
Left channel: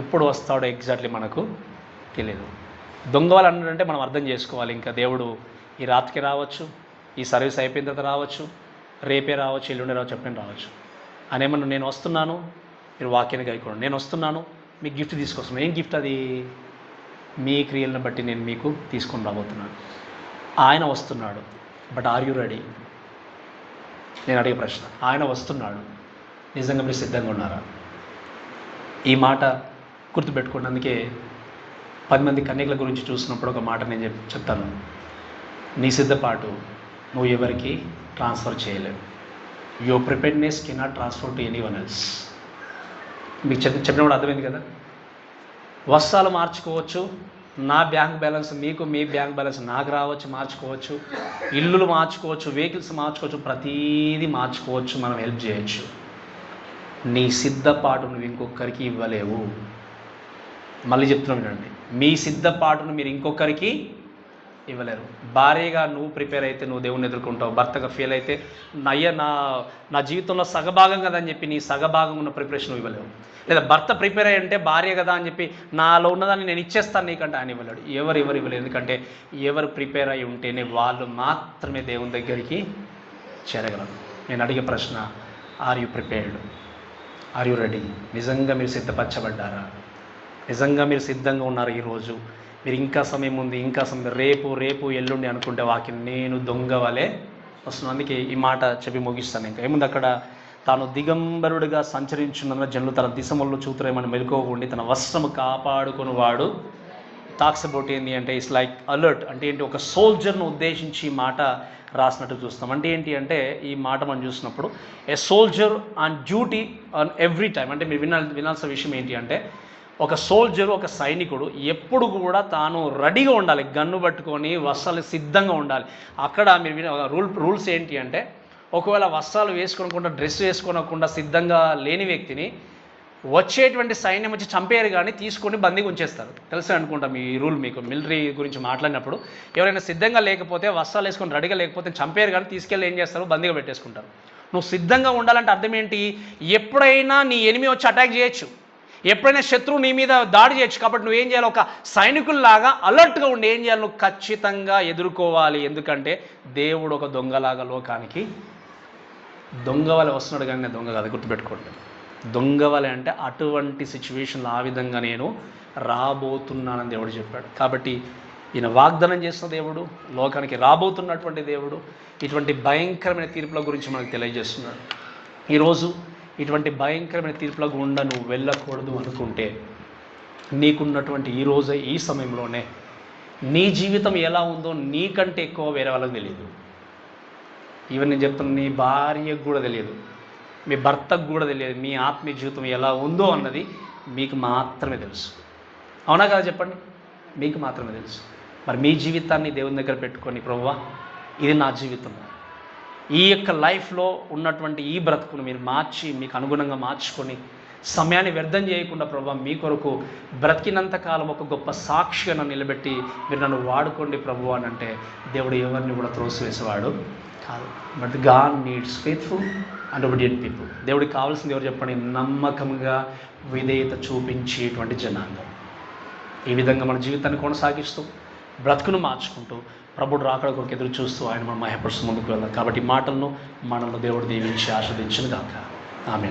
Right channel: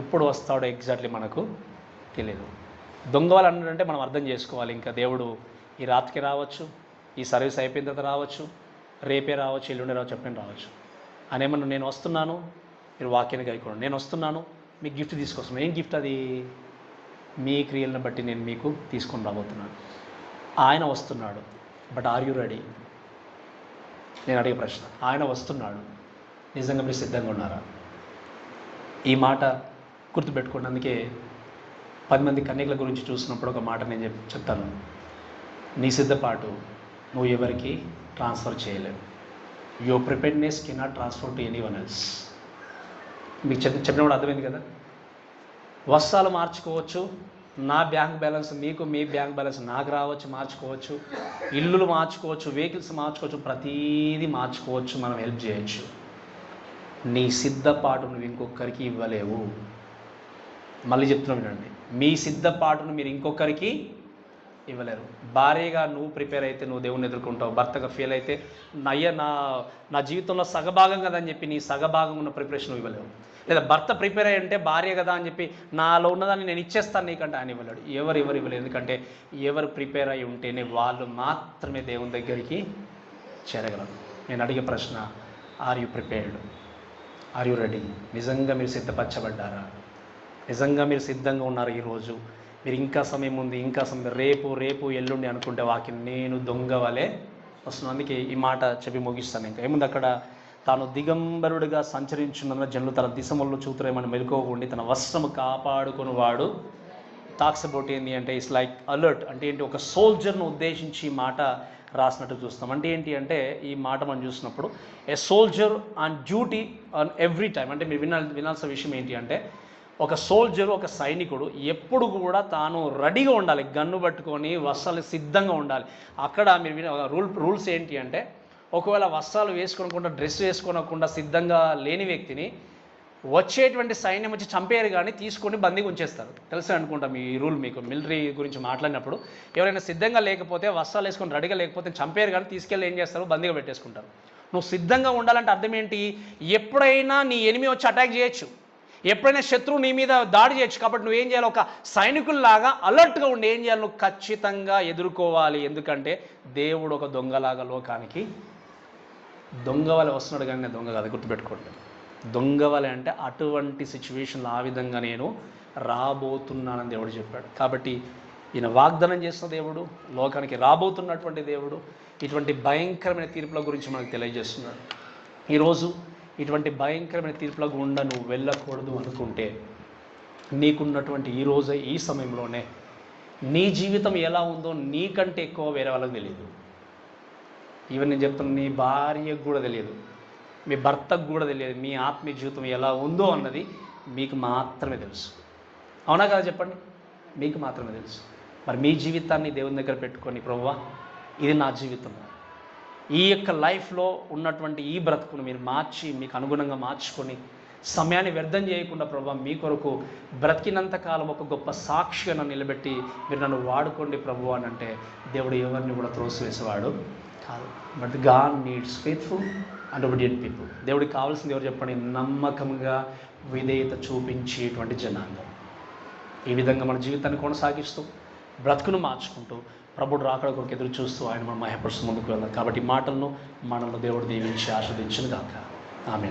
ఎప్పుడు వస్తాడో ఎగ్జాక్ట్లీ మనకు తెలియదు. దొంగ వాళ్ళు అన్నాడంటే మనం అర్థం చేసుకోవాలి, ఇంకా దేవుడు ఈ రాత్రికి రావచ్చు, ఈ సర్వీస్ అయిపోయిన తర్వాత రావచ్చు, రేపే రావచ్చు, ఎల్లుండి రావచ్చు, ఎప్పుడైనా రావచ్చు. అనేమన్నా నేను వస్తున్నాను, మీరు వాక్యాన్ని గైకోండి, నేను వస్తున్నాను మీకు గిఫ్ట్ తీసుకొస్తున్నాను. ఏం గిఫ్ట్ అది? మీ క్రియలను బట్టి నేను మీకు తీసుకొని రాబోతున్నాను. ఆయన వస్తున్నాడు, బట్ ఆర్ యూ రెడీ? నేను అడిగే ప్రశ్న, ఆయన వస్తున్నాడు, నిజంగా మీరు సిద్ధంగా ఉన్నారా? ఈ మాట గుర్తుపెట్టుకోండి. అందుకే 10 మంది కన్యకల గురించి చూసినప్పుడు ఒక మాట నేను చెప్తాను, నీ సిద్ధపాటు నువ్వు ఎవరికి ట్రాన్స్ఫర్ చేయలేవు. Your preparedness cannot transfer to any one else. మీకు చెప్పినప్పుడు అర్థమైంది కదా. వస్త్రాలు మార్చుకోవచ్చు, నా బ్యాంక్ బ్యాలెన్స్ మీకు, మీ బ్యాంక్ బ్యాలెన్స్ నాకు రావచ్చు, మార్చుకోవచ్చు. ఇల్లులు మార్చుకోవచ్చు, వెహికల్స్ మార్చుకోవచ్చు, ప్రతీది మార్చుకోవచ్చు, మనం హెల్ప్ చేయొచ్చు. నీ సిద్ధపాటు నువ్వు ఇంకొకరికి ఇవ్వలేవు. మళ్ళీ చెప్తున్నాం వినండి, మీ సిద్ధపాటును మీరు ఇంకొకరికి ఇవ్వలేరు. భార్యగా నువ్వు ప్రిపేర్ అయితే నువ్వు దేవుని ఎదుర్కొంటావు, భర్తగా ఫెయిల్ అయితే నా జీవితంలో సగభాగం కదా అని చెప్పి నీ సగభాగం ఉన్న ప్రిపరేషన్ ఇవ్వలేవు. లేదా భర్త ప్రిపేర్ అయ్యి అంటే భార్య కదా అని చెప్పి నాలో ఉన్నదాన్ని నేను ఇచ్చేస్తాను నీకంటే ఆయన ఇవ్వలేడు. ఎవరు ఇవ్వలేరు. ఎందుకంటే ఎవరు ప్రిపేర్ అయి ఉంటేనే వాళ్ళు మాత్రమే దేవుని దగ్గరికి చేరగలరు. నేను అడిగే ప్రశ్న, are you prepared? Are you ready? నిజంగా మీరు సిద్ధపరచబడ్డారా? నిజంగా మీరు సిద్ధంగా ఉన్నారు? ఈరోజు మీరు ఇంకా సమయం ఉంది, ఇంకా సమయం, రేపు ఎల్లుండి అనుకుంటే వాక్యం నేను దొంగ వలె వస్తున్నాను. అందుకే ఈ మాట చెప్పి ముగిస్తాను. ఇంకా ఏముంది అక్కడ, తాను దిగంబరుడిగా సంచరించున్న జనులు తన దిశముల్లో చూతురేమని మెలుకోకుండి తన వస్త్రము కాపాడుకుని వాడు. టాక్స్ అబౌట్ ఏంటి అంటే ఇట్స్ లైక్ అలర్ట్. అంటే ఏంటి? ఒక సోల్జర్ను ఉద్దేశించి ఈ మాట రాసినట్టు చూస్తాం. అంటే ఏంటి అంటే ఈ మాట మనం చూసినప్పుడు a soldier on duty on every time. అంటే మీరు వినాల్సిన విషయం ఏంటి అంటే, ఒక సోల్జరు, ఒక సైనికుడు ఎప్పుడు కూడా తాను రెడీగా ఉండాలి, గన్ను పట్టుకొని వస్త్రాలు సిద్ధంగా ఉండాలి. అక్కడ మీరు రూల్స్ ఏంటి అంటే, ఒకవేళ వస్త్రాలు వేసుకోకుండా డ్రెస్ వేసుకోనకుండా సిద్ధంగా లేని వ్యక్తిని వచ్చేటువంటి సైన్యం వచ్చి చంపేరు కానీ తీసుకొని బందీగా ఉంచేస్తారు. తెలుసు అనుకుంటాం ఈ రూల్ మీకు. మిలిటరీ గురించి మాట్లాడినప్పుడు ఎవరైనా సిద్ధంగా లేకపోతే, వస్త్రాలు వేసుకొని రెడీగా లేకపోతే చంపేరు కానీ తీసుకెళ్ళి ఏం చేస్తారు? బందీగా పెట్టేసుకుంటారు. నువ్వు సిద్ధంగా ఉండాలంటే అర్థం ఏంటి? ఎప్పుడైనా నీ ఎనిమి వచ్చి అటాక్ చేయొచ్చు, ఎప్పుడైనా శత్రువు నీ మీద దాడి చేయొచ్చు. కాబట్టి నువ్వేం చేయాలి? ఒక సైనికుల్లాగా అలర్ట్గా ఉండి ఏం చేయాలి? నువ్వు ఖచ్చితంగా ఎదుర్కోవాలి. ఎందుకంటే దేవుడు ఒక దొంగలాగా లోకానికి దొంగ వలె వస్తున్నాడు, కానీ నేను దొంగ కాదు, గుర్తుపెట్టుకోండి. దొంగ వలె అంటే అటువంటి సిచ్యువేషన్లో ఆ విధంగా నేను రాబోతున్నానని దేవుడు చెప్పాడు. కాబట్టి ఈయన వాగ్దానం చేసిన దేవుడు, లోకానికి రాబోతున్నటువంటి దేవుడు, ఇటువంటి భయంకరమైన తీర్పుల గురించి మనకు తెలియజేస్తున్నాడు. ఈరోజు ఇటువంటి భయంకరమైన తీర్పుల గుండా నువ్వు వెళ్ళకూడదు అనుకుంటే, నీకున్నటువంటి ఈరోజు ఈ సమయంలోనే నీ జీవితం ఎలా ఉందో నీకంటే ఎక్కువ వేరే వాళ్ళకి తెలియదు. ఈవెన్ నేను చెప్తున్నా, నీ భార్యకు కూడా తెలియదు, మీ భర్తకు కూడా తెలియదు. మీ ఆత్మీయ జీవితం ఎలా ఉందో అన్నది మీకు మాత్రమే తెలుసు. అవునా కదా? చెప్పండి, మీకు మాత్రమే తెలుసు. మరి మీ జీవితాన్ని దేవుని దగ్గర పెట్టుకొని, ప్రభువా ఇది నా జీవితం, ఈ యొక్క లైఫ్లో ఉన్నటువంటి ఈ బ్రతుకును మీరు మార్చి మీకు అనుగుణంగా మార్చుకొని సమయాన్ని వ్యర్థం చేయకుండా ప్రభు మీ కొరకు బ్రతికినంత కాలం ఒక గొప్ప సాక్షిగా నన్ను నిలబెట్టి మీరు నన్ను వాడుకోండి ప్రభు అని అంటే దేవుడు ఎవరిని కూడా త్రోసివేసేవాడు కాదు. But God needs faithful and obedient people. దేవుడికి కావాల్సింది ఎవరు చెప్పండి? నమ్మకంగా విధేయత చూపించేటువంటి జనాంగం. ఈ విధంగా మన జీవితాన్ని కొనసాగిస్తూ బ్రతుకును మార్చుకుంటూ ప్రభుడు రాకడ కొరకు ఎదురు చూస్తూ ఆయన మనం మహిమపరుస్తూ ముందుకు వెళ్దాం. కాబట్టి మాటలను మనల్ని దేవుడు దీవించి ఆస్వాదించును గాక. ఆమేన్.